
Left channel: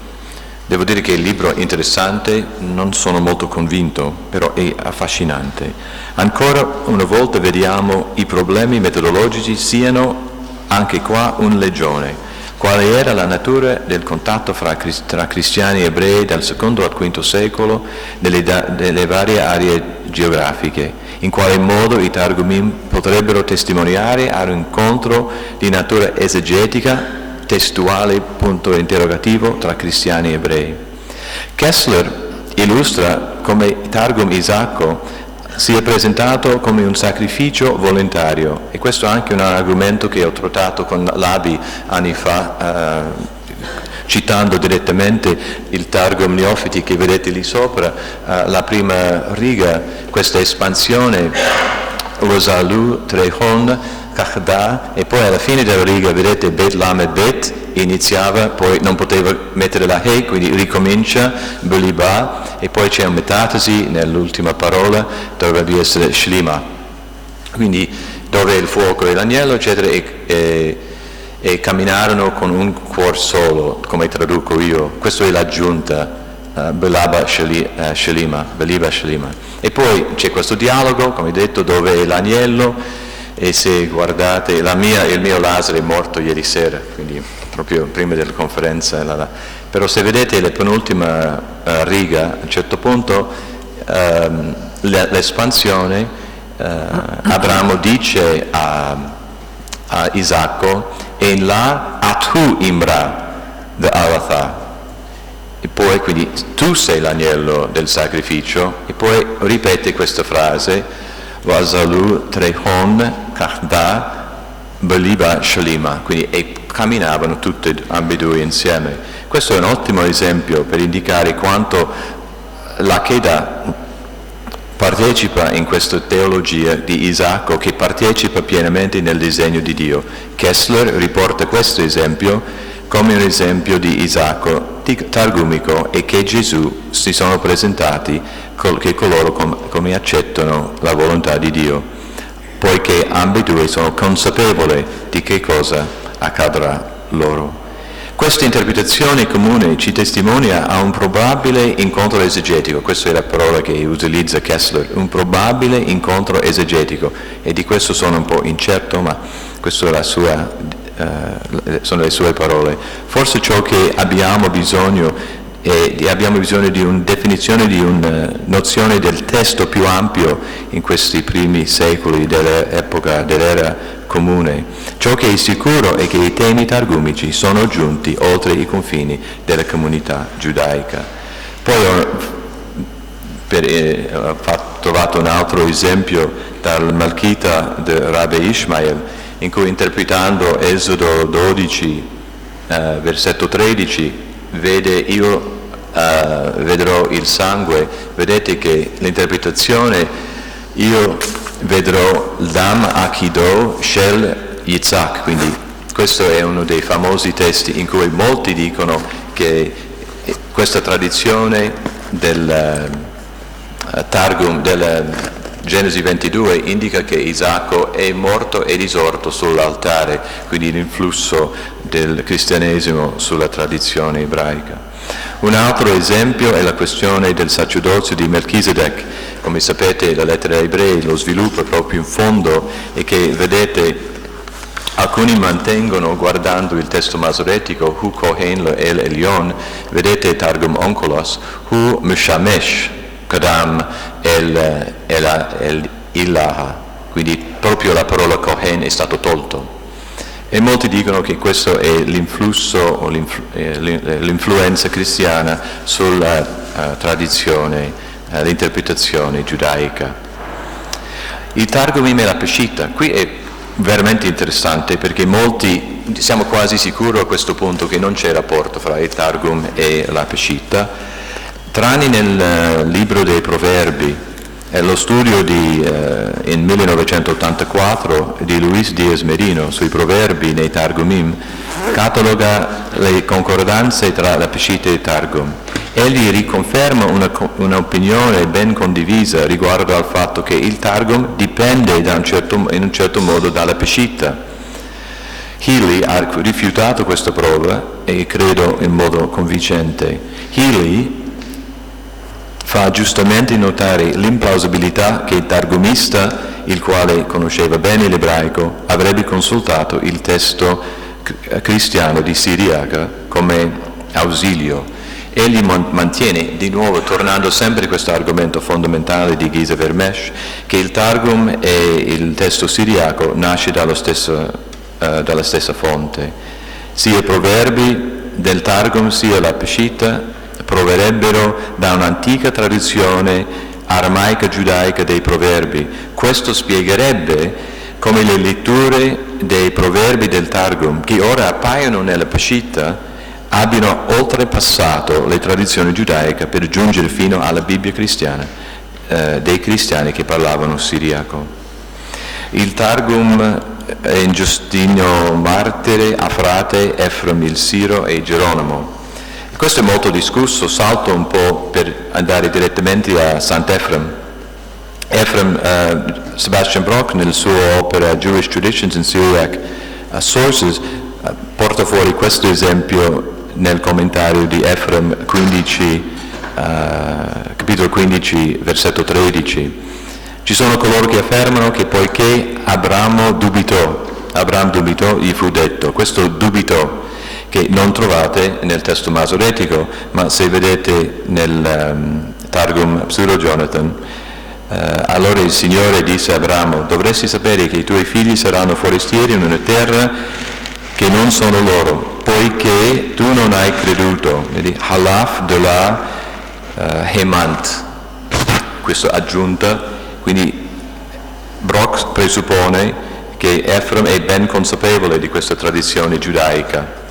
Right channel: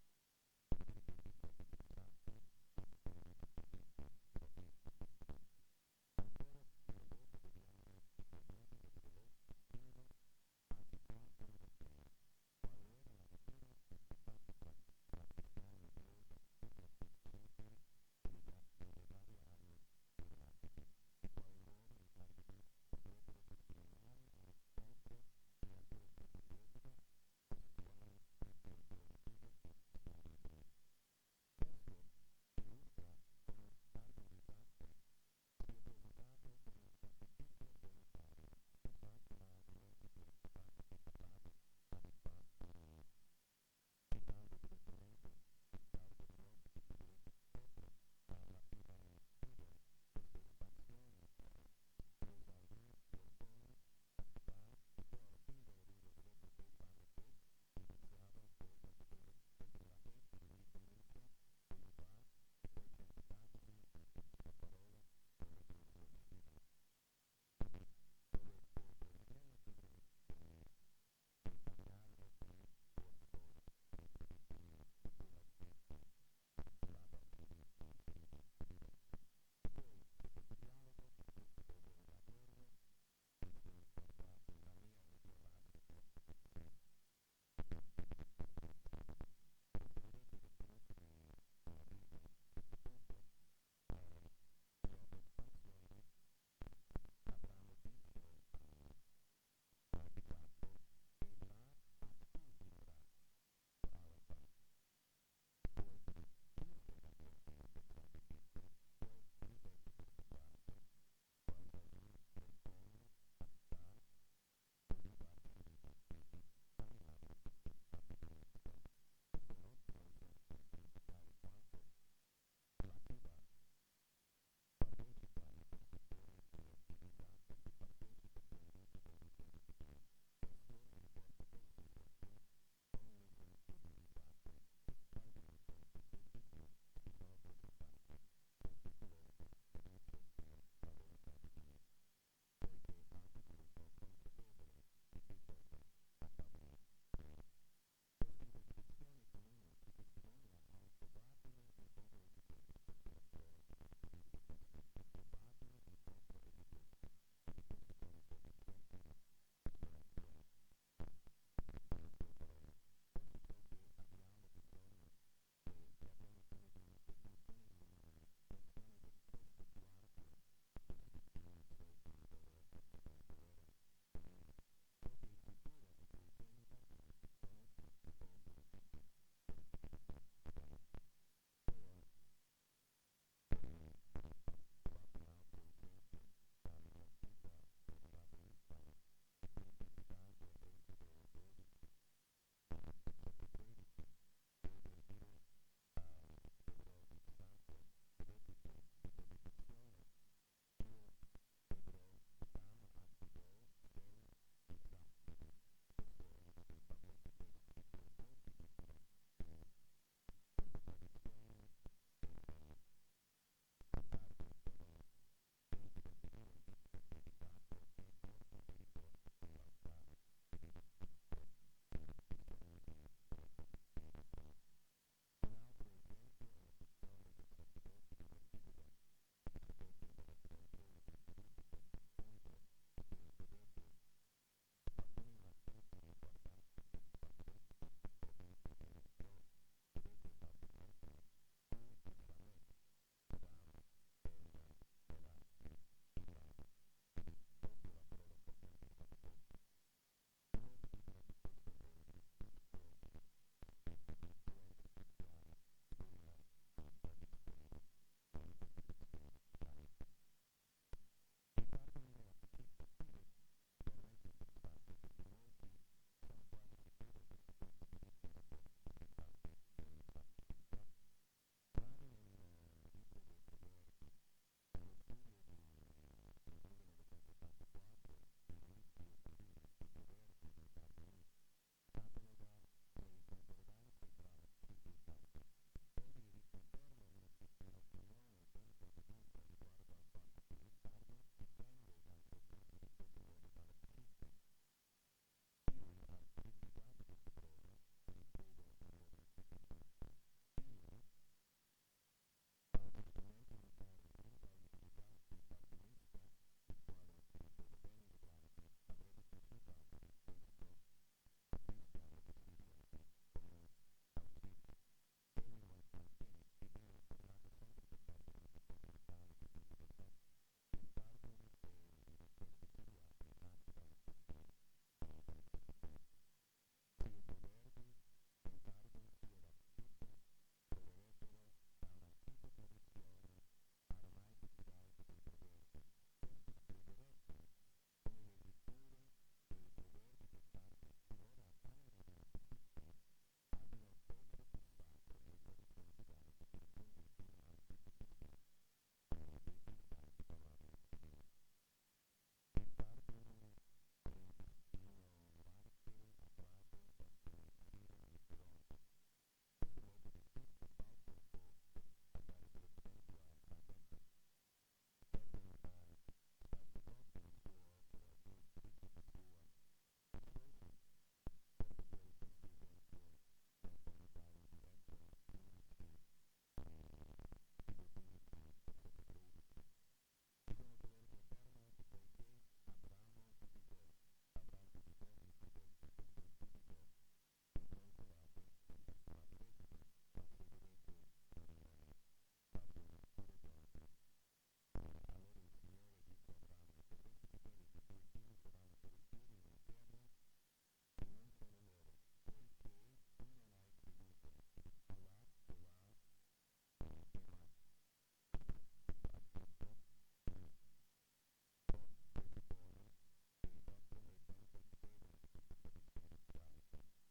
Devo dire che il libro è interessante, non sono molto convinto, però è affascinante. Ancora una volta vediamo i problemi metodologici siano anche qua un legione. Quale era la natura del contatto tra cristiani e ebrei dal II al V secolo nelle varie aree geografiche? In quale modo i Targumim potrebbero testimoniare a un incontro di natura esegetica, testuale, punto interrogativo, tra cristiani e ebrei? Kessler illustra come Targum Isacco sia presentato come un sacrificio volontario, e questo è anche un argomento che ho trattato con Labi anni fa, citando direttamente il Targum Neofiti che vedete lì sopra, la prima riga, questa espansione, Rosalu, Trehon, Kachda, e poi alla fine della riga vedete Bet Lamed Bet, iniziava, poi non poteva mettere la He, quindi ricomincia, Beliba, e poi c'è una metafasi nell'ultima parola, dovrebbe essere Shlima, quindi dove il fuoco e l'agnello, eccetera, e camminarono con un cuor solo, come traduco io. Questa è l'aggiunta, Belaba Shlima, Beliba Shlima. E poi c'è questo dialogo, come detto, dove è l'agnello, e se guardate, il mio Lazzaro è morto ieri sera, quindi proprio prima della conferenza, però se vedete la penultima riga, a un certo punto l'espansione, Abramo dice a Isacco, e là Atu Imra the Aratha, e poi quindi tu sei l'agnello del sacrificio, e poi ripete questa frase, Vazalu Trehon Kachda Beliba Shalima, quindi e camminavano tutti ambedue insieme. Questo è un ottimo esempio per indicare quanto la Cheda partecipa in questa teologia di Isacco, che partecipa pienamente nel disegno di Dio. Kessler riporta questo esempio come un esempio di Isacco targumico, e che Gesù si sono presentati che coloro come accettano la volontà di Dio, poiché ambedue sono consapevoli di che cosa accadrà loro. Questa interpretazione comune ci testimonia a un probabile incontro esegetico, questa è la parola che utilizza Kessler, un probabile incontro esegetico, e di questo sono un po' incerto, ma questa è sono le sue parole. Forse ciò che abbiamo bisogno di una definizione, di una nozione del testo più ampio in questi primi secoli dell'epoca dell'era comune. Ciò che è sicuro è che i temi targumici sono giunti oltre i confini della comunità giudaica. Poi ho trovato un altro esempio dal Malchita di Rabbi Ishmael, in cui interpretando Esodo 12, versetto 13, io vedrò il sangue, vedete che l'interpretazione, io vedrò l'Dam Akido Shel Yitzhak, quindi questo è uno dei famosi testi in cui molti dicono che questa tradizione del Targum, del Genesi 22, indica che Isacco è morto e risorto sull'altare, quindi l'influsso del cristianesimo sulla tradizione ebraica. Un altro esempio è la questione del sacerdozio di Melchisedec. Come sapete, la lettera ai Ebrei lo sviluppa proprio in fondo, e che vedete alcuni mantengono, guardando il testo masoretico, Hu Kohen El Elyon, vedete Targum Onkelos, Hu Mishamesh Kadam El Ilaha, quindi proprio la parola Kohen è stato tolto. E molti dicono che questo è l'influsso o l'influenza cristiana sulla tradizione, l'interpretazione giudaica. Il Targumim e la Peshitta, qui è veramente interessante, perché molti, siamo quasi sicuri a questo punto che non c'è rapporto fra il Targum e la Peshitta, tranne nel libro dei Proverbi, Lo studio in 1984 di Luis Diaz Merino sui proverbi nei Targumim cataloga le concordanze tra la Peshitta e il Targum. Egli riconferma un'opinione ben condivisa riguardo al fatto che il Targum dipende in un certo modo dalla Peshitta. Healy ha rifiutato questa prova e credo in modo convincente. Healy fa giustamente notare l'implausibilità che il targumista, il quale conosceva bene l'ebraico, avrebbe consultato il testo cristiano di Siriaca come ausilio. Egli mantiene, di nuovo tornando sempre a questo argomento fondamentale di Giza Vermesh, che il Targum e il testo siriaco nasce dalla stessa fonte. Sia i proverbi del Targum sia la Peshitta proverrebbero da un'antica tradizione aramaica giudaica dei proverbi. Questo spiegherebbe come le letture dei proverbi del Targum, che ora appaiono nella Peshitta, abbiano oltrepassato le tradizioni giudaiche per giungere fino alla Bibbia cristiana, dei cristiani che parlavano siriaco. Il Targum è in Giustino Martire, Afrate, Efrem il Siro e Geronimo. Questo è molto discusso, salto un po' per andare direttamente a Sant'Efrem. Sebastian Brock nel suo opera Jewish Traditions in Syriac Sources porta fuori questo esempio nel commentario di Efrem 15, capitolo 15, versetto 13. Ci sono coloro che affermano che poiché Abramo dubitò, gli fu detto. Questo dubitò che non trovate nel testo masoretico, ma se vedete nel Targum Pseudo-Jonathan, allora il Signore disse a Abramo: dovresti sapere che i tuoi figli saranno forestieri in una terra che non sono loro, poiché tu non hai creduto. Vedi? Halaf de la Hemant, questa aggiunta, quindi Brock presuppone che Efrem è ben consapevole di questa tradizione giudaica.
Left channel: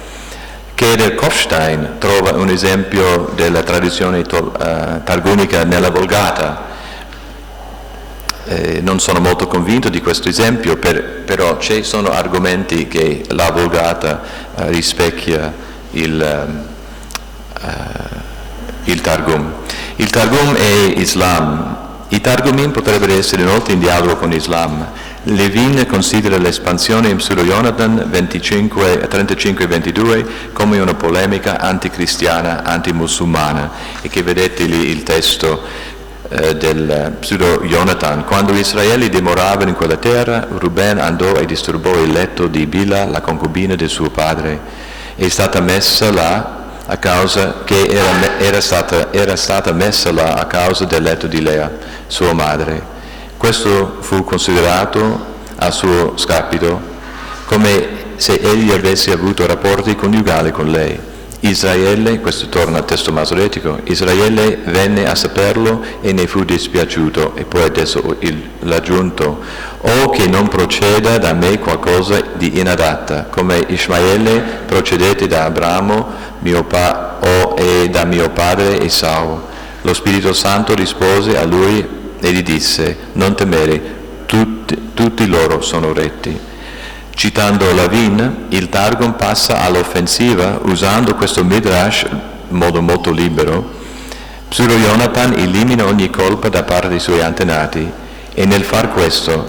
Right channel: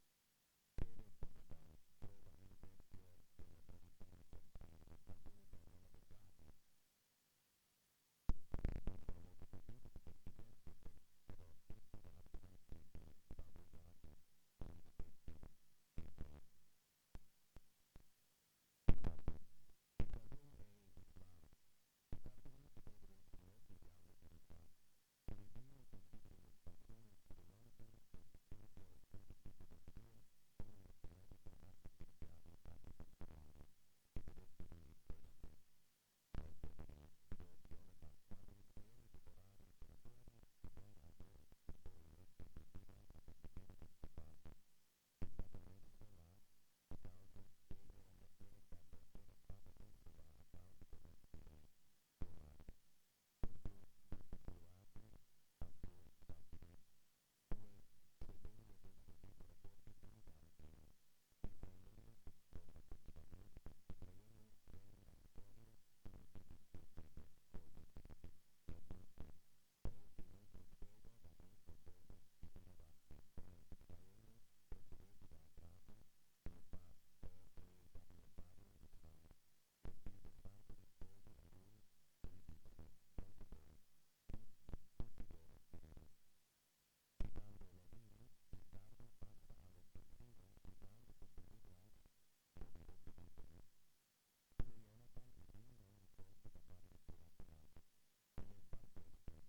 Keder Kofstein trova un esempio della tradizione targumica nella Vulgata. Non sono molto convinto di questo esempio, però ci sono argomenti che la Vulgata rispecchia il Targum. Il Targum è Islam. I Targumim potrebbero essere inoltre in dialogo con Islam. Levin considera l'espansione in Pseudo-Jonathan 35-22 come una polemica anticristiana, antimusulmana, e che vedete lì il testo del Pseudo-Jonathan. Quando gli Israeli dimoravano in quella terra, Ruben andò e disturbò il letto di Bila, la concubina del suo padre. È stata messa là a causa che era stata messa là a causa del letto di Lea, sua madre. Questo fu considerato a suo scapito come se egli avesse avuto rapporti coniugali con lei. Israele, questo torna al testo masoretico, Israele venne a saperlo e ne fu dispiaciuto, e poi adesso l'aggiunto: o che non proceda da me qualcosa di inadatta, come Ismaele procedette da Abramo e da mio padre Esau. Lo Spirito Santo rispose a lui e gli disse: non temere, tutti loro sono retti. Citando Lavin, il Targum passa all'offensiva usando questo Midrash in modo molto libero. Pseudo-Jonathan elimina ogni colpa da parte dei suoi antenati, e nel far questo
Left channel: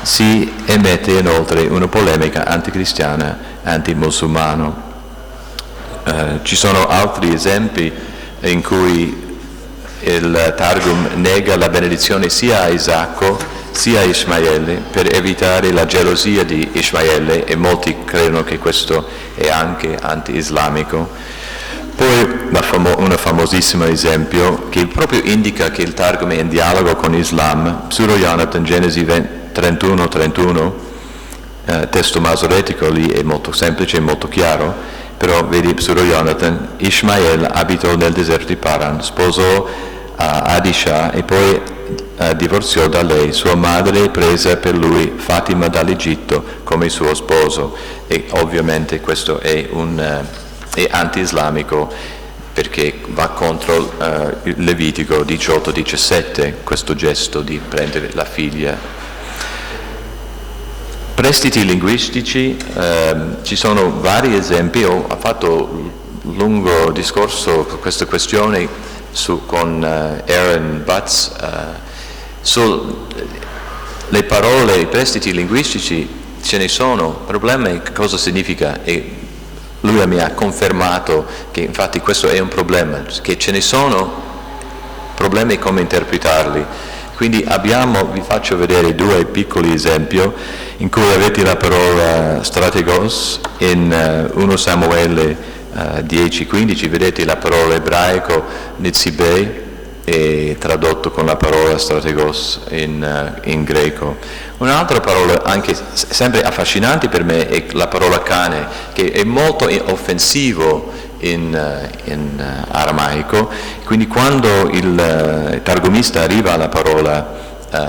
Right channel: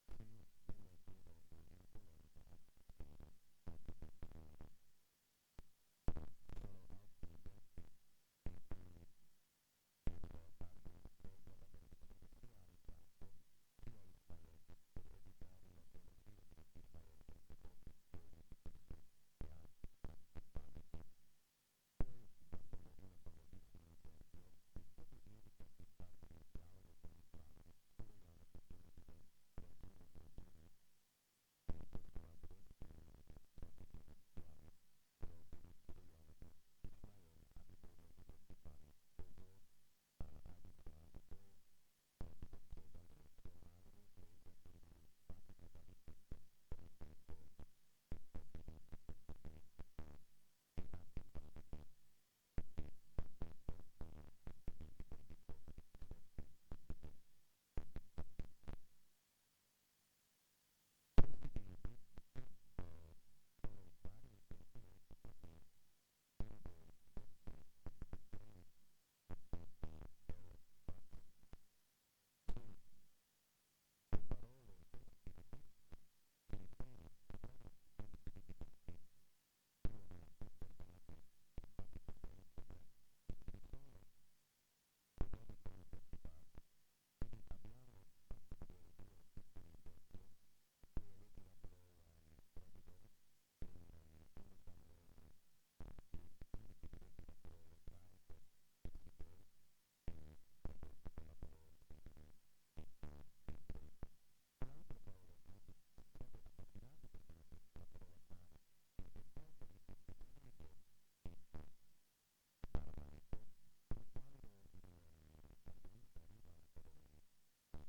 si emette inoltre una polemica anticristiana, antimusulmano. Ci sono altri esempi in cui il Targum nega la benedizione sia a Isacco sia a Ismaele per evitare la gelosia di Ismaele, e molti credono che questo è anche anti-islamico. Poi un famosissimo esempio che proprio indica che il Targum è in dialogo con l'Islam, Pseudo-Jonathan, Genesi 31, testo masoretico, lì è molto semplice e molto chiaro, però vedi Pseudo-Jonathan: Ismaele abitò nel deserto di Paran, sposò Adisha e poi divorziò da lei. Sua madre prese per lui Fatima dall'Egitto come suo sposo, e ovviamente questo è anti-islamico. perché va contro Levitico 18-17, questo gesto di prendere la figlia. Prestiti linguistici, ci sono vari esempi. Ho fatto un lungo discorso su questa questione con Aaron Butts sulle parole, i prestiti linguistici. Ce ne sono, il problema è cosa significa, e lui mi ha confermato che infatti questo è un problema, che ce ne sono problemi come interpretarli. Quindi vi faccio vedere 2 piccoli esempi in cui avete la parola strategos in 1 Samuele 10-15, vedete la parola ebraico nitzibei e tradotto con la parola strategos in greco. Un'altra parola anche sempre affascinante per me è la parola cane, che è molto offensivo in aramaico, quindi quando il targumista arriva alla parola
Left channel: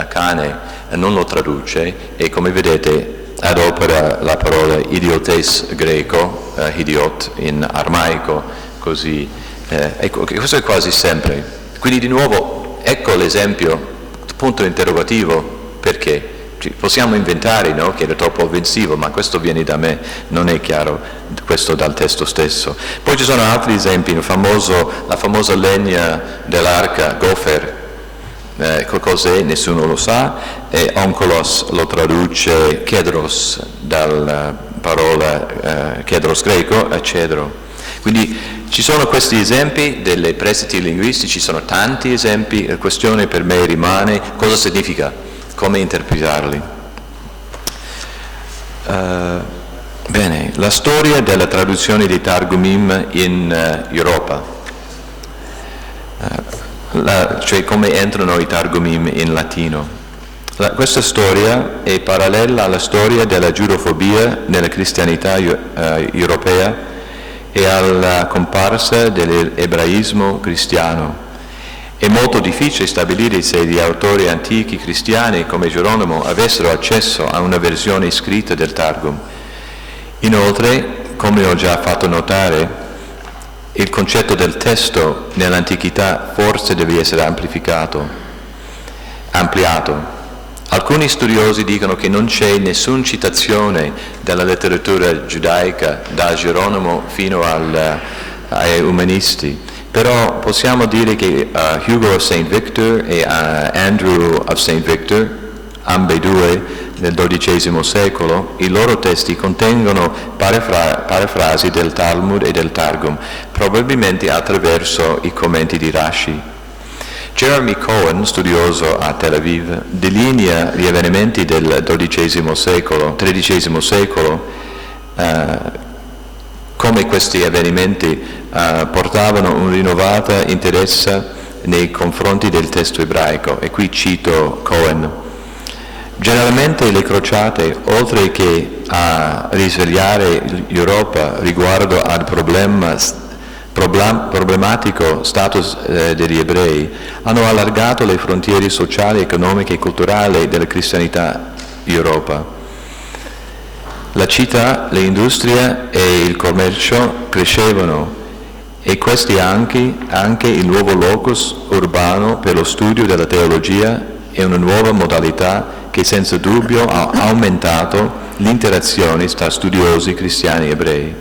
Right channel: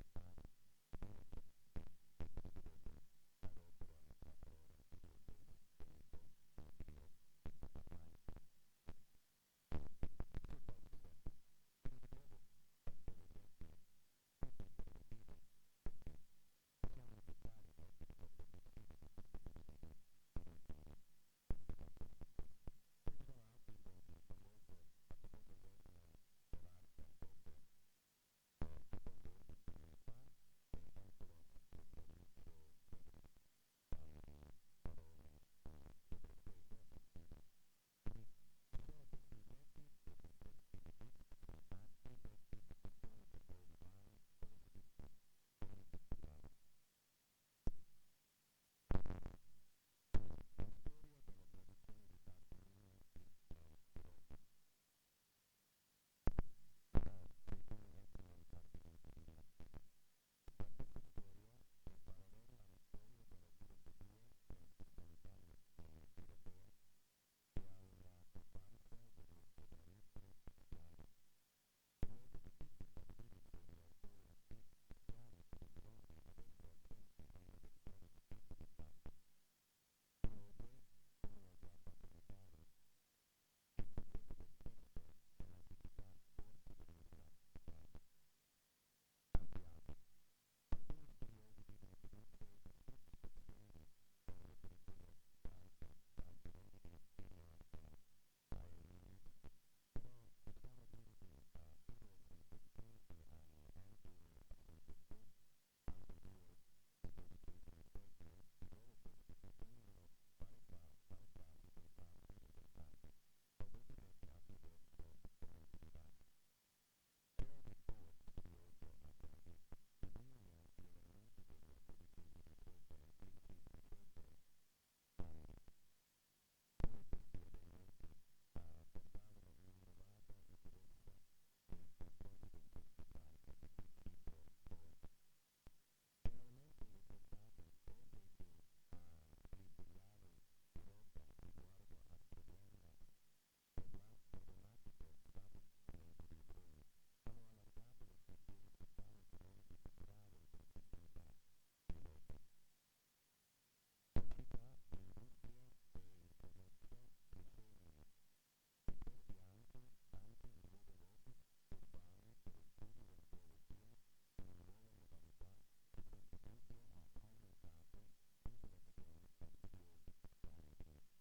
cane non lo traduce e, come vedete, adopera la parola idiotes greco, idiot in aramaico, così. Ecco, questo è quasi sempre. Quindi di nuovo ecco l'esempio, punto interrogativo, perché? Possiamo inventare, no, che era troppo offensivo, ma questo viene da me, non è chiaro questo dal testo stesso. Poi ci sono altri esempi, la famosa legna dell'arca, gofer, cos'è? Nessuno lo sa, e onkolos lo traduce kedros, dalla parola kedros greco, cedro. Quindi ci sono questi esempi delle prestiti linguistici, ci sono tanti esempi, la questione per me rimane cosa significa, come interpretarli. Bene, la storia della traduzione dei Targumim in Europa, cioè come entrano i Targumim in latino. Questa storia è parallela alla storia della giudofobia nella cristianità europea e alla comparsa dell'ebraismo cristiano. È molto difficile stabilire se gli autori antichi cristiani come Geronimo avessero accesso a una versione scritta del Targum. Inoltre, come ho già fatto notare, il concetto del testo nell'antichità forse deve essere ampliato. Alcuni studiosi dicono che non c'è nessuna citazione della letteratura giudaica da Geronimo fino ai umanisti. Però possiamo dire che Hugo of St. Victor e Andrew of St. Victor, ambedue nel XII secolo, i loro testi contengono parafrasi del Talmud e del Targum, probabilmente attraverso i commenti di Rashi. Jeremy Cohen, studioso a Tel Aviv, delinea gli avvenimenti del XIII secolo, come questi avvenimenti portavano un rinnovato interesse nei confronti del testo ebraico, e qui cito Cohen. Generalmente le crociate, oltre che a risvegliare l'Europa riguardo al problematico status degli ebrei, hanno allargato le frontiere sociali, economiche e culturali della cristianità in Europa. La città, le industrie e il commercio crescevano, e questi anche il nuovo locus urbano per lo studio della teologia è una nuova modalità che senza dubbio ha aumentato l'interazione tra studiosi cristiani e ebrei.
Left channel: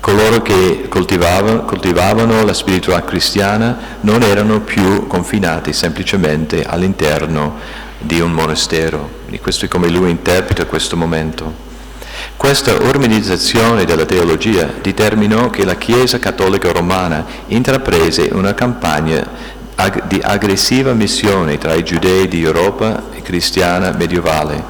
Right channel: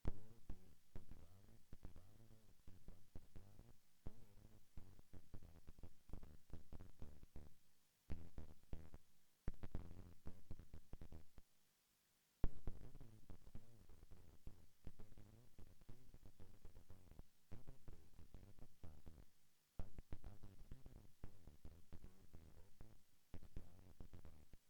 Coloro che coltivavano la spiritualità cristiana non erano più confinati semplicemente all'interno di un monastero. E questo è come lui interpreta questo momento. Questa urbanizzazione della teologia determinò che la Chiesa Cattolica Romana intraprese una campagna di aggressiva missione tra i giudei di Europa e cristiana medievale.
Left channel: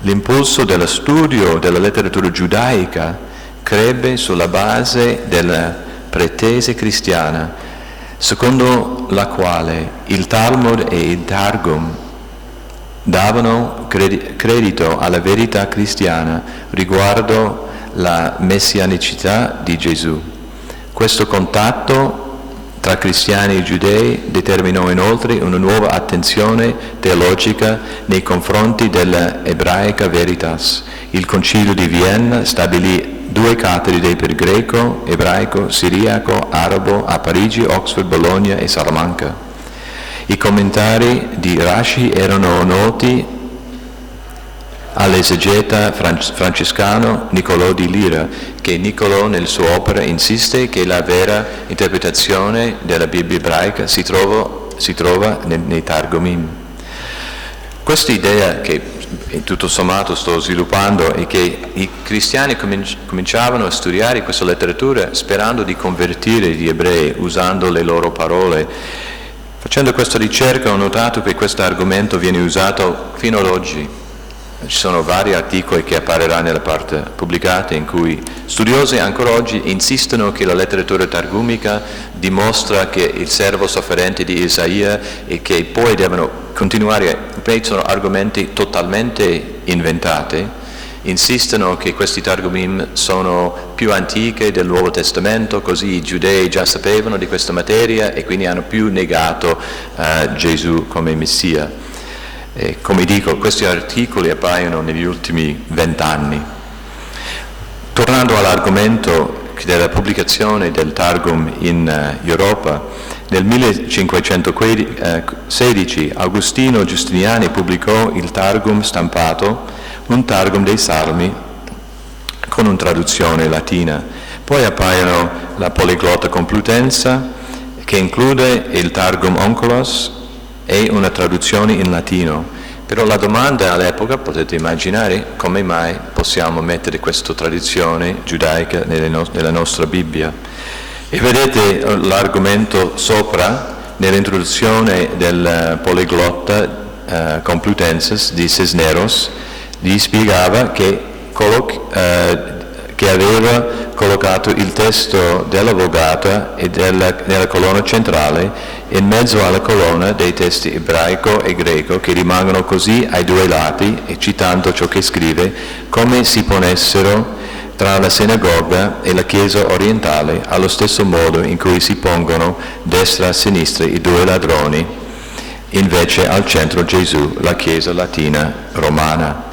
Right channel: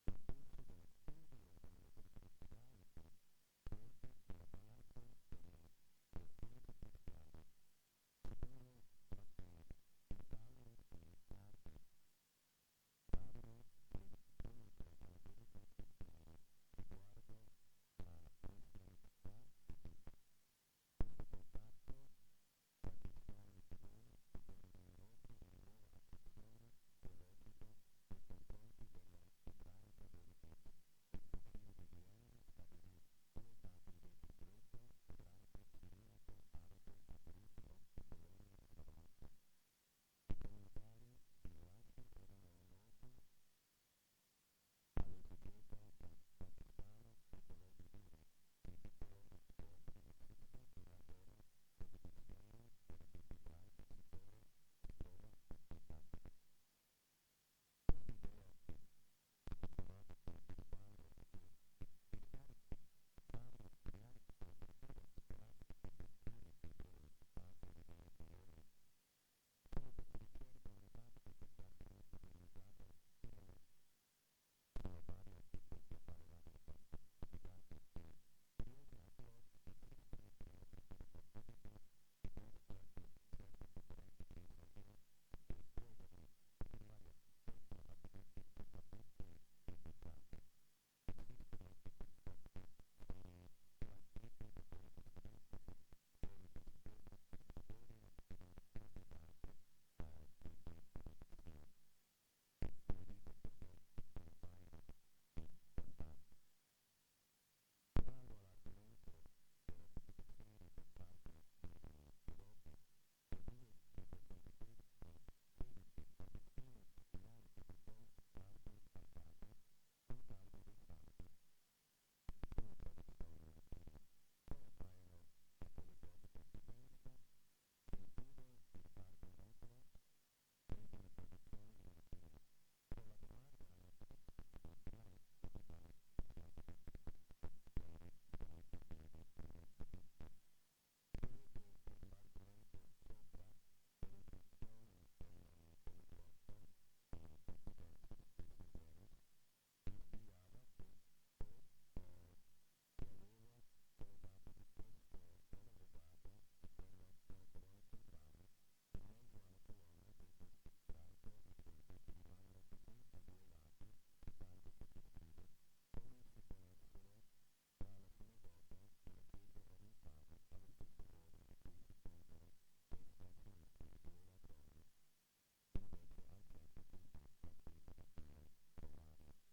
L'impulso dello studio della letteratura giudaica crebbe sulla base della pretesa cristiana, secondo la quale il Talmud e il Targum davano credito alla verità cristiana riguardo la messianicità di Gesù. Questo contatto tra cristiani e giudei determinò inoltre una nuova attenzione teologica nei confronti della ebraica veritas. Il Concilio di Vienna stabilì 2 cattedre per greco, ebraico, siriaco, arabo a Parigi, Oxford, Bologna e Salamanca. I commentari di Rashi erano noti all'esegeta francescano Niccolò di Lira, che Niccolò nella sua opera insiste che la vera interpretazione della Bibbia ebraica si trova nei Targumim. Questa idea che tutto sommato sto sviluppando è che i cristiani cominciavano a studiare questa letteratura sperando di convertire gli ebrei usando le loro parole. Facendo questa ricerca ho notato che questo argomento viene usato fino ad oggi. Ci sono vari articoli che appariranno nella parte pubblicata in cui studiosi ancora oggi insistono che la letteratura targumica dimostra che il servo sofferente di Isaia e che poi devono continuare, sono argomenti totalmente inventati, insistono che questi targumim sono più antiche del Nuovo Testamento, così i giudei già sapevano di questa materia e quindi hanno più negato Gesù come Messia. E come dico, questi articoli appaiono negli ultimi 20 anni. Tornando all'argomento della pubblicazione del Targum in Europa, nel 1516 Agostino Giustiniani pubblicò il Targum stampato, un Targum dei Salmi con una traduzione latina. Poi appaiono la Poliglotta Complutenza, che include il Targum Onkelos e una traduzione in latino. Però la domanda all'epoca, potete immaginare, come mai possiamo mettere questa tradizione giudaica nella nostra Bibbia. E vedete l'argomento sopra, nell'introduzione del Poliglotta Complutensis di Cisneros, gli spiegava che aveva collocato il testo della Vulgata e nella colonna centrale in mezzo alla colonna dei testi ebraico e greco, che rimangono così ai due lati, e citando ciò che scrive, come si ponessero tra la sinagoga e la chiesa orientale, allo stesso modo in cui si pongono destra e sinistra i due ladroni, invece al centro Gesù, la chiesa latina romana.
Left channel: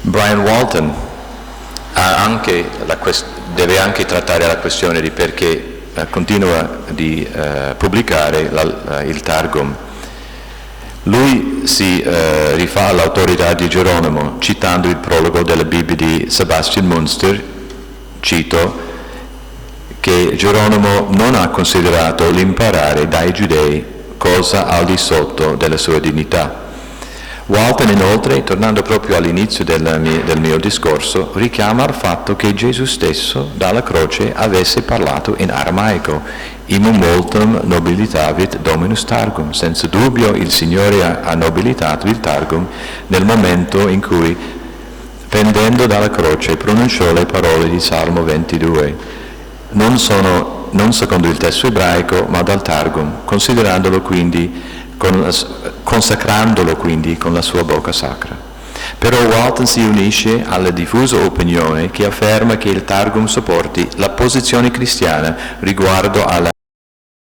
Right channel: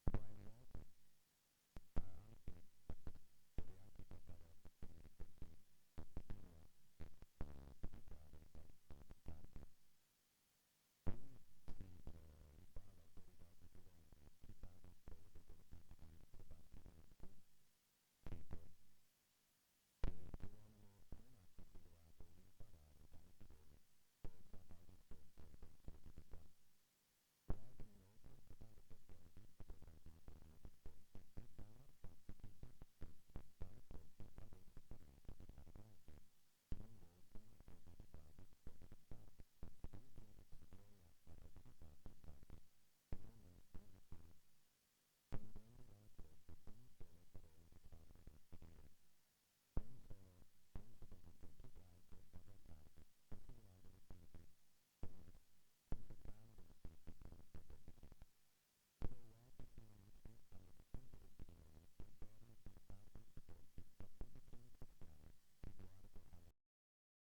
Brian Walton deve anche trattare la questione di perché continua di pubblicare il Targum. Lui si rifà all'autorità di Geronimo, citando il prologo della Bibbia di Sebastian Münster, cito, che Geronimo non ha considerato l'imparare dai giudei cosa al di sotto della sua dignità. Walton inoltre, tornando proprio all'inizio del mio discorso, richiama il fatto che Gesù stesso dalla croce avesse parlato in aramaico, imum multum nobilitavit Dominus Targum. Senza dubbio il Signore ha nobilitato il Targum nel momento in cui, pendendo dalla croce, pronunciò le parole di Salmo 22, non secondo il testo ebraico, ma dal Targum, consacrandolo quindi con la sua bocca sacra. Però Walton si unisce alla diffusa opinione che afferma che il Targum supporti la posizione cristiana riguardo alla